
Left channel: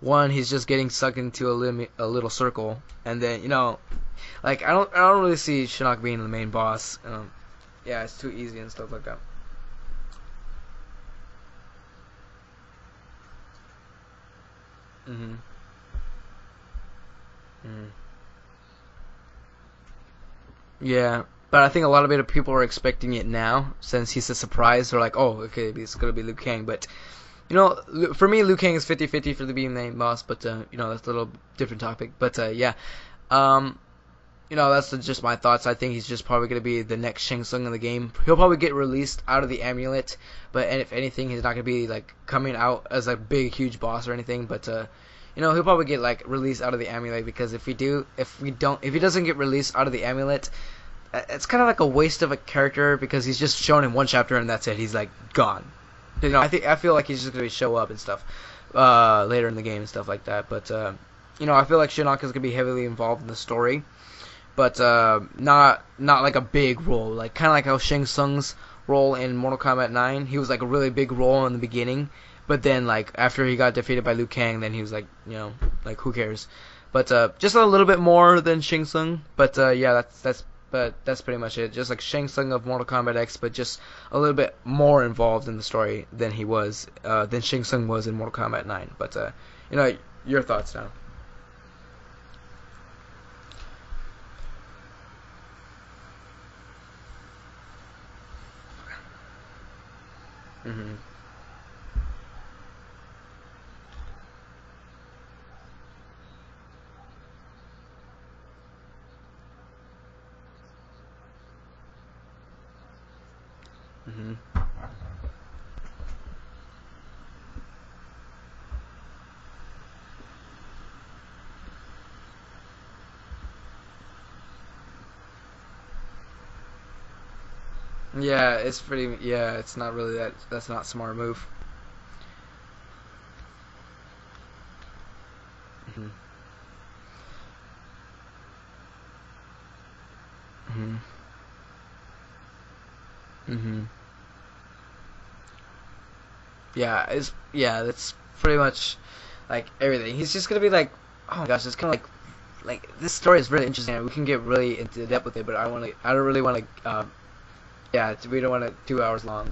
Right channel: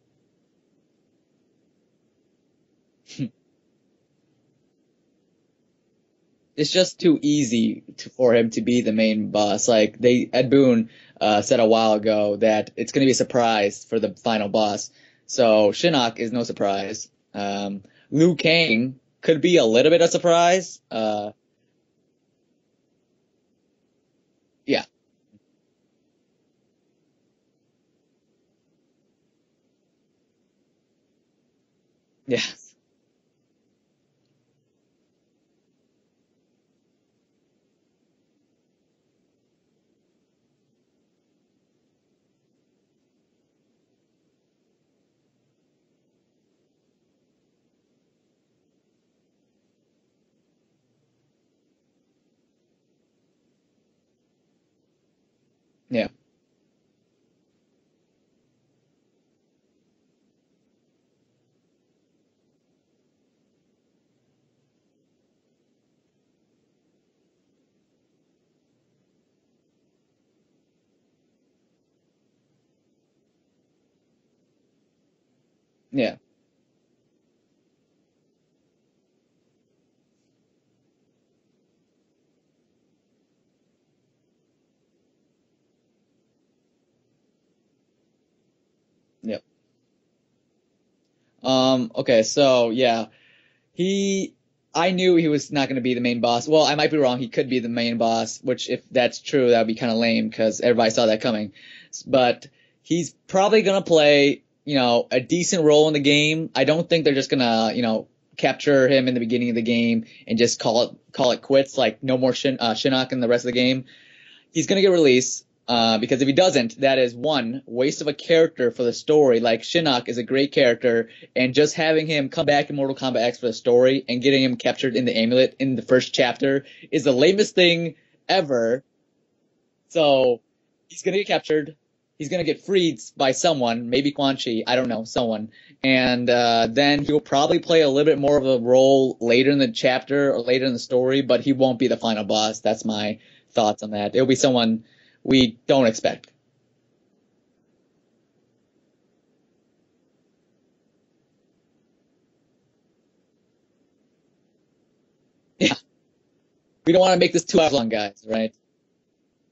one, he's just getting sucked into a little circle, and then, like, I don't really see Shinnok being the main boss. It's just too easy for him to be the main boss. Like, Ed Boon said a while ago that it's going to be a surprise for the final boss. Mm-hmm. So Shinnok is no surprise. Liu Kang could be a little bit of surprise. Yeah, but I think a lot of people are expecting it now, since he's a surprise. They're like, oh, okay, it's going to be Liu Kang. But, for me, Liu Kang is 50-50 for the being the main boss, but, that's a little different topic. But, that's just my thoughts. I think he's just probably going to be the next Shang Tsung in the game. He'll probably get released out of the amulet, but if anything, he's not going to be, like, coming out as a big, huge boss or anything, but, he'll probably get like released out of the amulet, because if he doesn't get released out of the amulet, it's kind of like a waste of a character, because he's just shown in one chapter and that's it. He's like gone. Yeah. I feel like he's just gonna show up and stuff later in the game and stuff like that. But I feel like Shinnok is gonna be heavily involved in the story, but not like a big role, like kind of like how Shang Tsung's role in Mortal Kombat 9. He was like a really big role in the beginning. But then, like, after he got defeated by Liu Kang, then he was like, who cares? But just a little bit more than Shang Tsung. But that's pretty much it. Just like Shang Tsung of Mortal Kombat X, but just a little bit more involved in the story than than Shang Tsung was in Mortal Kombat 9. But your thoughts now. Okay, so yeah, I knew he was not going to be the main boss. Well, I might be wrong. He could be the main boss, which if that's true, that would be kind of lame because everybody saw that coming. But he's probably going to play, a decent role in the game. I don't think they're just going to, capture him in the beginning of the game and just call it quits, like no more Shinnok in the rest of the game. Mm-hmm. He's going to get released. Because if he doesn't, that is one waste of a character for the story. Like Shinnok is a great character, and just having him come back in Mortal Kombat X for the story and getting him captured in the amulet in the first chapter is the lamest thing ever. It's pretty. Yeah, it's not. So really, that's not smart. He's gonna get captured. He's gonna get freed by someone, maybe Quan Chi. I don't know, someone. And then he'll probably play a little bit more of a role later in the chapter or later in the story, but he won't be the final boss. That's my thoughts on that. It'll be someone we don't expect. Yeah, that's pretty much like everything. He's just gonna be like, oh my gosh, it's kind of like this story is really interesting. We can get really into depth with it, but I don't really want to. We don't want to make this 2 hours long, guys. Yeah, we don't want it 2 hours long.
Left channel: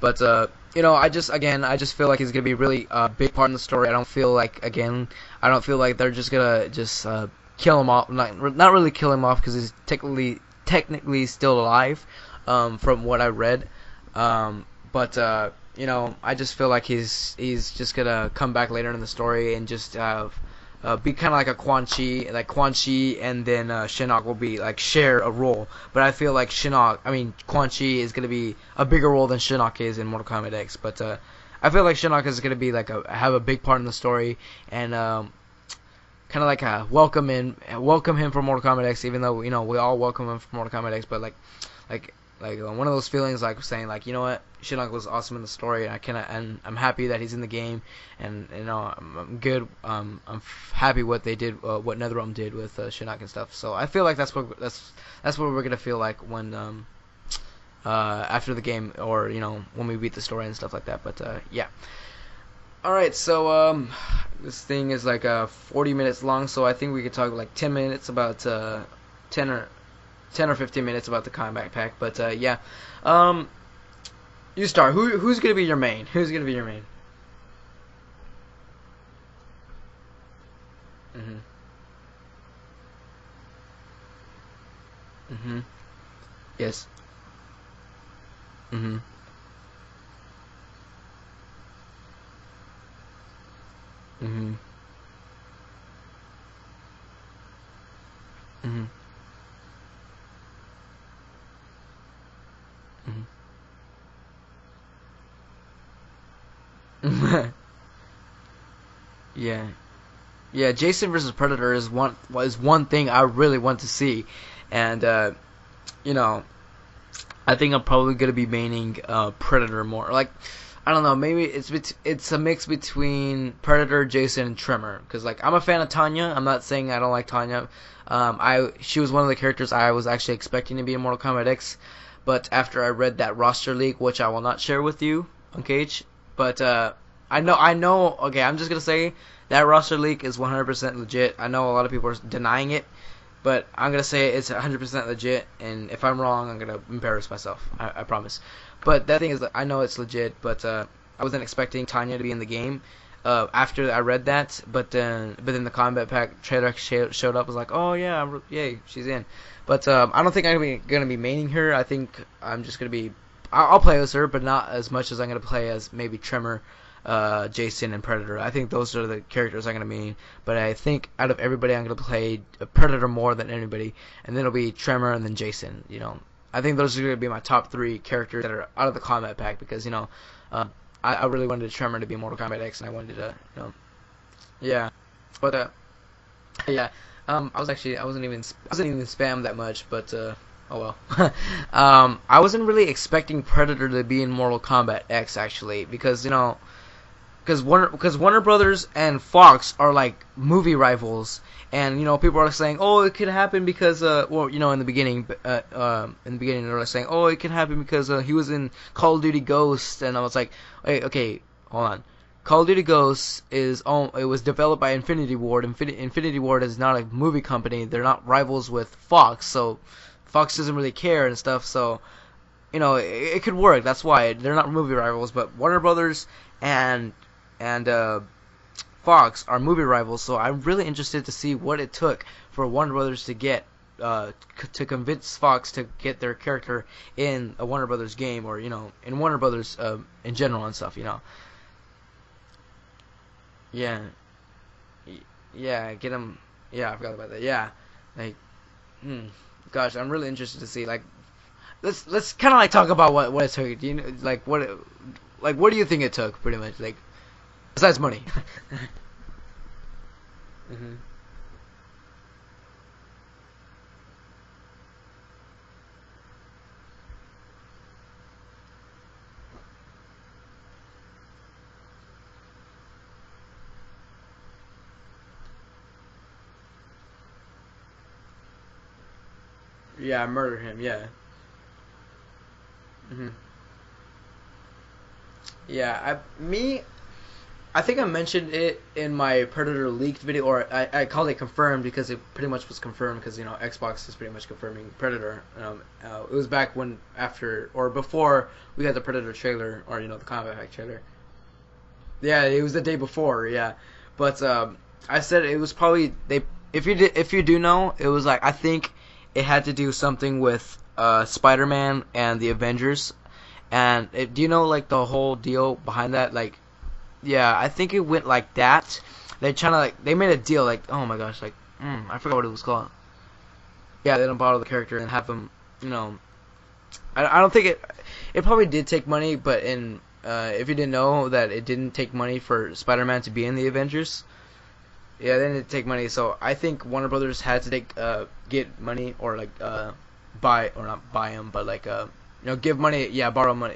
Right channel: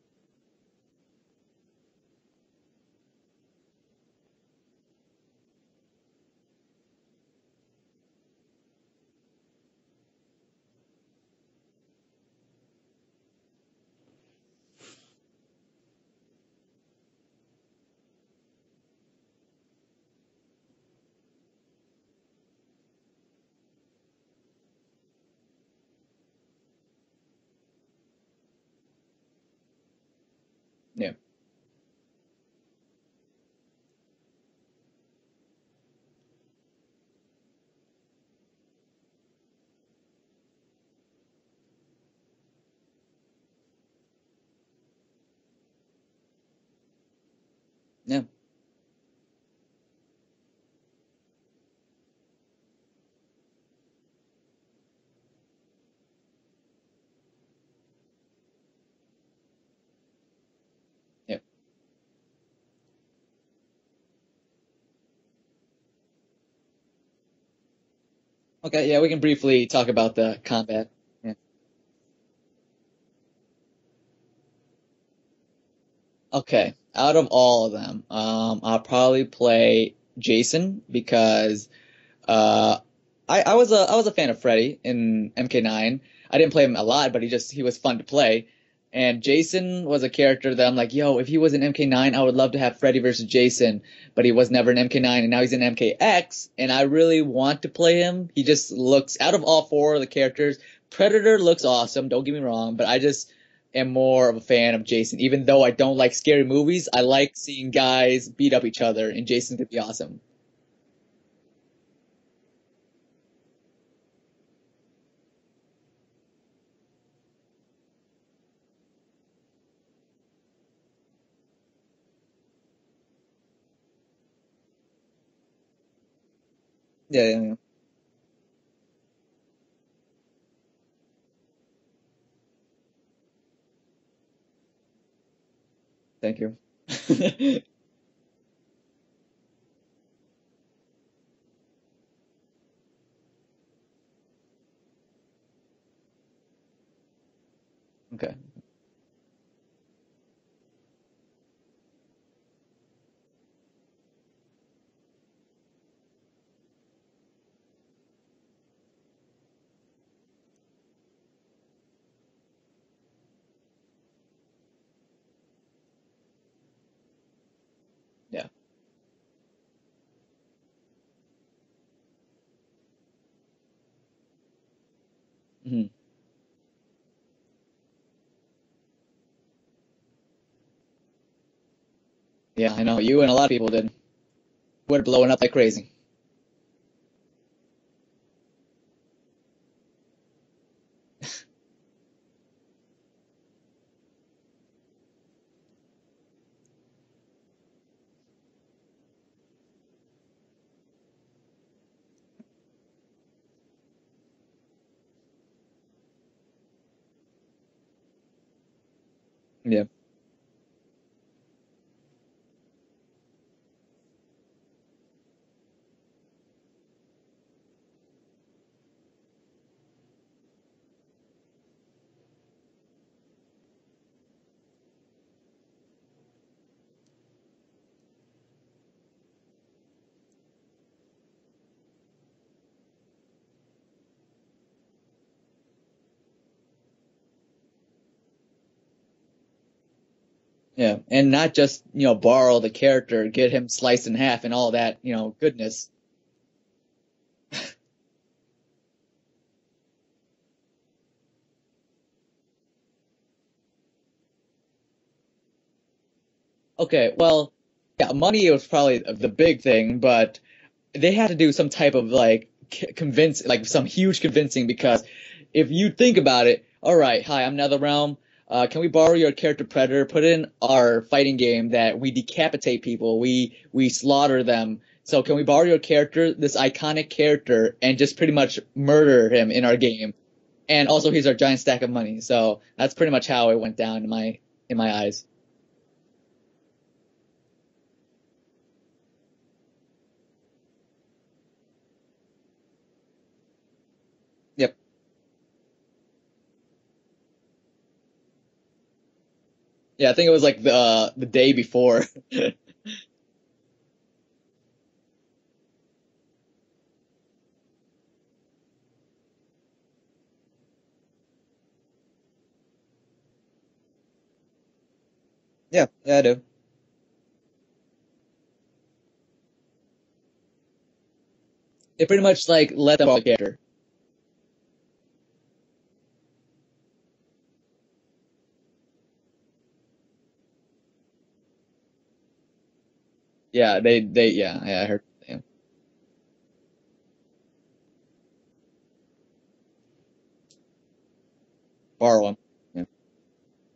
But I just feel like he's gonna be really big part in the story. I don't feel like they're just gonna kill him off. Not really kill him off because he's technically still alive, from what I read. But I just feel like he's just gonna come back later in the story and just be kind of like a Quan Chi, and then Shinnok will be like share a role. But I feel like Quan Chi is gonna be a bigger role than Shinnok is in Mortal Kombat X. But I feel like Shinnok is gonna be like have a big part in the story, and kind of like welcome him for Mortal Kombat X, even though we all welcome him for Mortal Kombat X. But like one of those feelings like saying like, you know what, Shinnok was awesome in the story, and I'm happy that he's in the game, and I'm good. I'm happy what they did, what NetherRealm did with Shinnok and stuff. So I feel like that's what we're gonna feel like when after the game, or when we beat the story and stuff like that. But yeah. All right, so this thing is like 40 minutes long, so I think we could talk like 10 minutes about. Okay, yeah, we can briefly talk about the 10 or 15 minutes about the combat pack, but yeah. You start. Who's gonna be your main? Who's gonna be your main? Out of all of them, I'll probably play Jason because I was a fan of Freddy in MK9. I didn't play him a lot, but he was fun to play. And Jason was a character that I'm like, yo, if he was in MK9, I would love to have Freddy versus Jason, but he was never in MK9, and now he's in MKX, and I really want to play him. He just looks, out of all four of the characters, Predator looks awesome, don't get me wrong, but I just am more of a fan of Jason. Even though I don't like scary movies, I like seeing guys beat up each other, and Jason would be awesome. Yeah, Jason versus Predator is one thing I really want to see, and I think I'm probably gonna be maining Predator more. Like, I don't know, maybe it's a mix between Predator, Jason, and Tremor. Because like I'm a fan of Tanya. I'm not saying I don't like Tanya. She was one of the characters I was actually expecting to be in Mortal Kombat X, but after I read that roster leak, which I will not share with you on Cage, but I know. Okay, I'm just gonna say that roster leak is 100% legit. I know a lot of people are denying it, but I'm going to say it's 100% legit, and if I'm wrong, I'm going to embarrass myself. I promise. Okay. But that thing is, I know it's legit, but I wasn't expecting Tanya to be in the game after I read that. But then the combat pack trailer showed up. I was like, oh, yeah, yay, she's in. But I don't think I'm going to be maining her. I think I'm just going to be... I'll play as her, but not as much as I'm going to play as maybe Tremor, Jason, and Predator. I think those are the characters I'm going to main, but I think out of everybody I'm going to play Predator more than anybody, and then it'll be Tremor and then Jason. I think those are going to be my top 3 characters that are out of the combat pack, because I really wanted Tremor to be Mortal Kombat. Yeah, I know, you and a lot of people did. Yeah, we're blowing up like crazy. Yeah, I wasn't even spammed that much, but oh well. I wasn't really expecting Predator to be in Mortal Kombat X, actually, because because Warner Brothers and Fox are like movie rivals, and people are saying, oh, it could happen because in the beginning they're saying, oh, it can happen because he was in Call of Duty Ghosts, and I was like, hey, okay, hold on. Call of Duty Ghosts it was developed by Infinity Ward. Infinity Ward is not a movie company. They're not rivals with Fox, so Fox doesn't really care and stuff. So it could work. That's why they're not movie rivals, but Warner Brothers and Fox are movie rivals, so I'm really interested to see what it took for Warner Brothers to get to convince Fox to get their character in a Warner Brothers game, or in Warner Brothers in general and stuff. And not just borrow the character, get him sliced in half and all that goodness. Yeah, get him. Yeah, I forgot about that. Yeah, like, gosh, I'm really interested to see. Like, let's kind of like talk about what it took. like what do you think it took, pretty much? Like, Okay, well, besides money. Money was probably the big thing, but they had to do some type of like convince, like some huge convincing, because if you think about it, all right, hi, I'm NetherRealm. Can we borrow your character Predator? Put in our fighting game that we decapitate people, we slaughter them. So can we borrow your character, this iconic character, and just pretty much murder him in our game? Yeah, murder him. And also, here's our giant stack of money. So that's pretty much how it went down in my eyes. Yeah, I think I mentioned it in my Predator leaked video, or I called it confirmed because it pretty much was confirmed because, you know, Xbox is pretty much confirming Predator. It was back when, after, or before we got the Predator trailer. Or yeah, I think it was like the day before. Yeah, it was the day before, yeah. But I said it was probably, if you do know, it was like, I think it had to do something with Spider-Man and the Avengers. And do you know, like, the whole deal behind that? Like, yeah, I think it went like that. They're trying to, like, they made a deal, like, oh my gosh, like, they pretty much like let them borrow the character. Yeah, they don't borrow the character and have them, you know. I don't think it probably did take money, but if you didn't know that it didn't take money for Spider-Man to be in the Avengers. I heard. Yeah, they didn't take money, so I think Warner Brothers had to get money, or like buy, or not buy him, but like borrow him. You know, give money. Yeah, borrow money.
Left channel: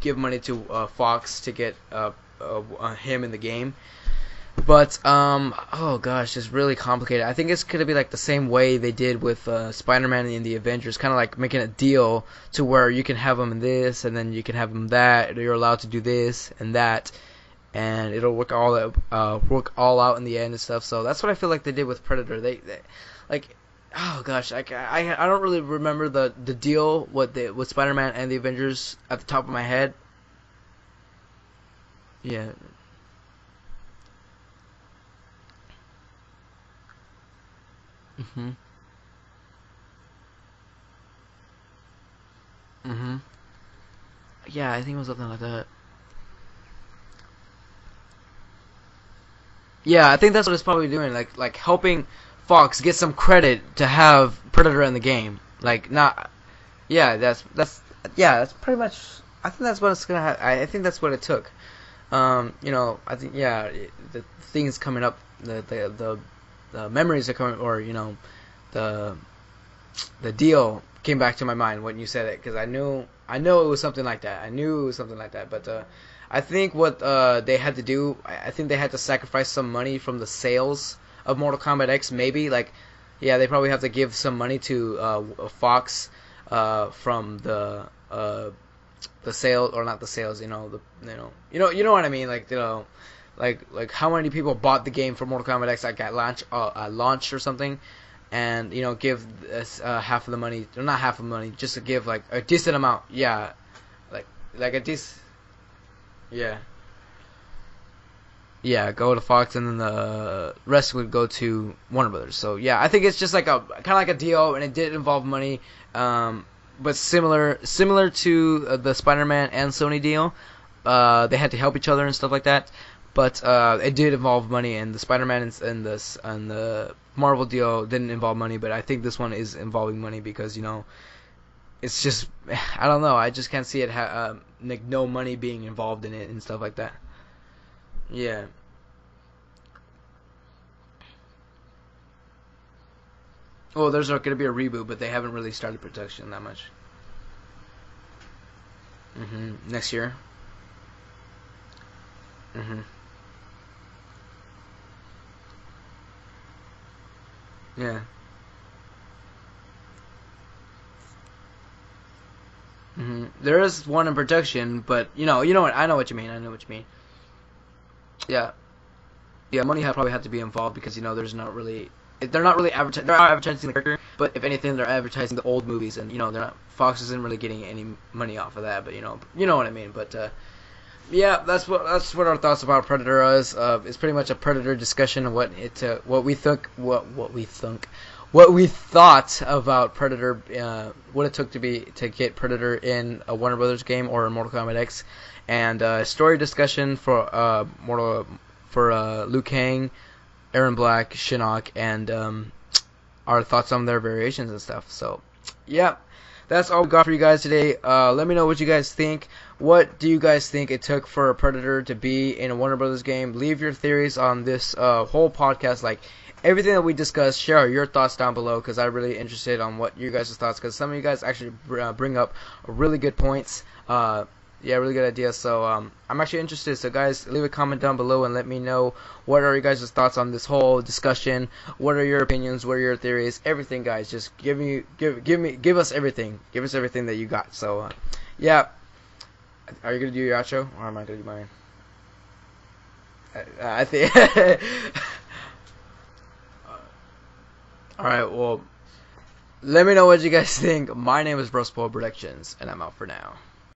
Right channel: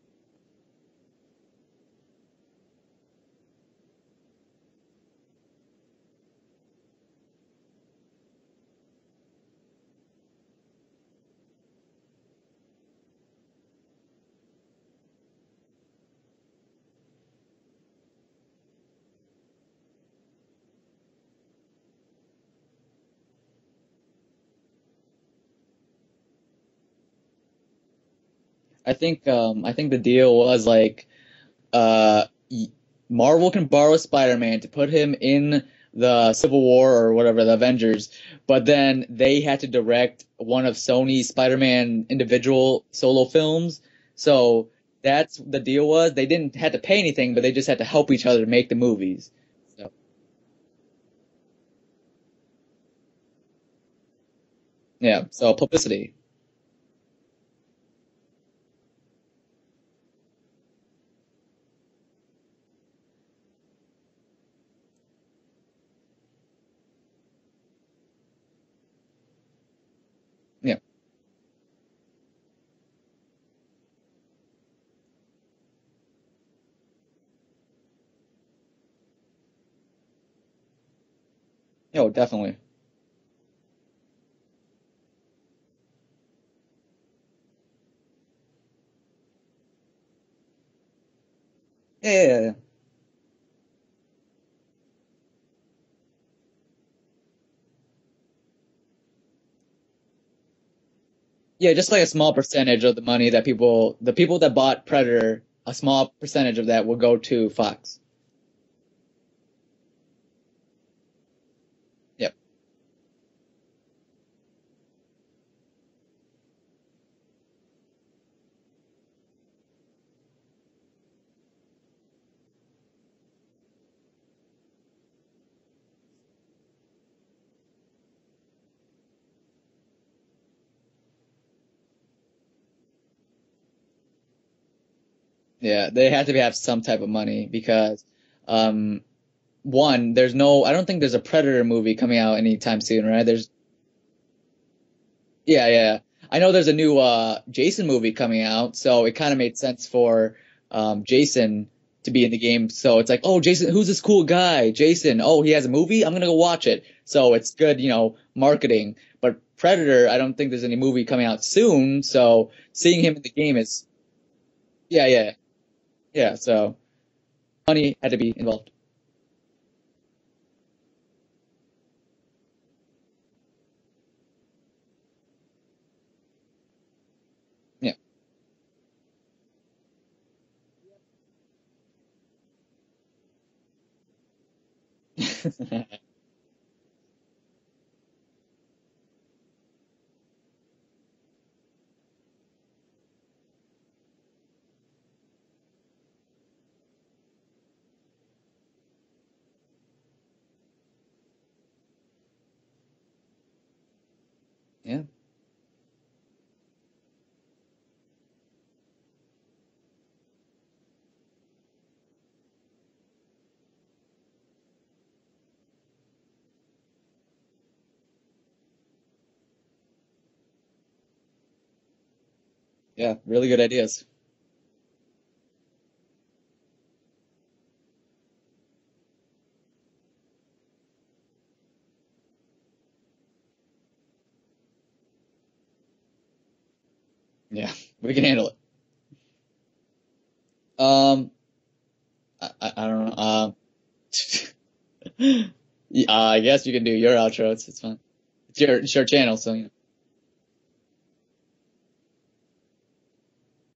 Give money to Fox to get him in the game. But oh gosh, it's really complicated. I think it's gonna be like the same way they did with Spider-Man in the Avengers, kind of like making a deal to where you can have him in this, and then you can have him that. You're allowed to do this and that, and it'll work all out in the end and stuff. So that's what I feel like they did with Predator. They like, oh gosh, I don't really remember the deal with Spider-Man and the Avengers. I think at the top of my head. I think the deal was like, Marvel can borrow Spider-Man to put him in the Civil War or whatever, the Avengers, but then they had to direct one of Sony's Spider-Man individual solo films. So I think that's the deal was. They didn't have to pay anything, but they just had to help each other make the movies. So. Yeah, I think that's what it's probably doing, like helping Fox get some credit to have Predator in the game. So publicity. That's pretty much. I think that's what it's gonna have. I think that's what it took. You know, I think the things coming up, the memories are coming, or you know, the deal came back to my mind when you said it, because I know it was something like that. But I think what they had to do, I think they had to sacrifice some money from the sales of Mortal Kombat X, maybe. Like, yeah, they probably have to give some money to Fox from the sales, or not the sales, you know what I mean, like, you know, like how many people bought the game for Mortal Kombat X, like at launch or something, and you know, give half of the money, or not half of the money, just like a small percentage of the money that people that bought Predator, a small percentage of that will go to Fox. Yeah, go to Fox, and then the rest would go to Warner Brothers. So yeah, I think it's just like kind of like a deal, and it did involve money. But similar to the Spider-Man and Sony deal, they had to help each other and stuff like that. But it did involve money, and the Spider-Man and the Marvel deal didn't involve money. But I think this one is involving money because, you know, it's just, I don't know, I just can't see it like no money being involved. Yeah, they had to have some type of money because one, I don't think there's a Predator movie coming out anytime soon, right? There's going to be a reboot, but they haven't really started production. I know there's a new Jason movie coming out, so it kind of made sense for Jason to be in the game. So it's like, oh, Jason, who's this cool guy? Jason, oh, he has a movie? I'm going to go watch it. So it's good, you know, marketing. But Predator, I don't think there's any movie coming out soon, so seeing him in the game there is one in production, but you know what, I know what you mean. So money had to be involved. Yeah, money probably had to be involved because, you know, they're not really advertising. They're advertising the character, but if anything, they're advertising the old movies, and you know, Fox isn't really getting any money off of that. But you know what I mean. But yeah, that's what our thoughts about Predator is. It's pretty much a Predator discussion of what we thought about Predator, what it took to get Predator in a Warner Brothers game or a Mortal Kombat X, and story discussion for Liu Kang, Eron Black, Shinnok, and our thoughts on their variations and stuff. So, yeah, that's all we got for you guys today. Let me know what you guys think. What do you guys think it took for a Predator to be in a Warner Brothers game? Leave your theories on this whole podcast, like everything that we discussed. Share your thoughts down below because I'm really interested on what you guys' thoughts, because some of you guys actually bring up really good points. Really good ideas. Really good ideas. So I'm actually interested. So guys, leave a comment down below and let me know what are you guys' thoughts on this whole discussion. What are your opinions? What are your theories? Everything, guys. Just give us everything. Give us everything that you got. Yeah, so we can handle. Yeah. Are you gonna do your outro? I don't know. I think. I guess you can do your outro. It's fine. All right. Well, it's your channel, so. Let me know what you guys think. My name is Brospo Productions, and I'm out for now.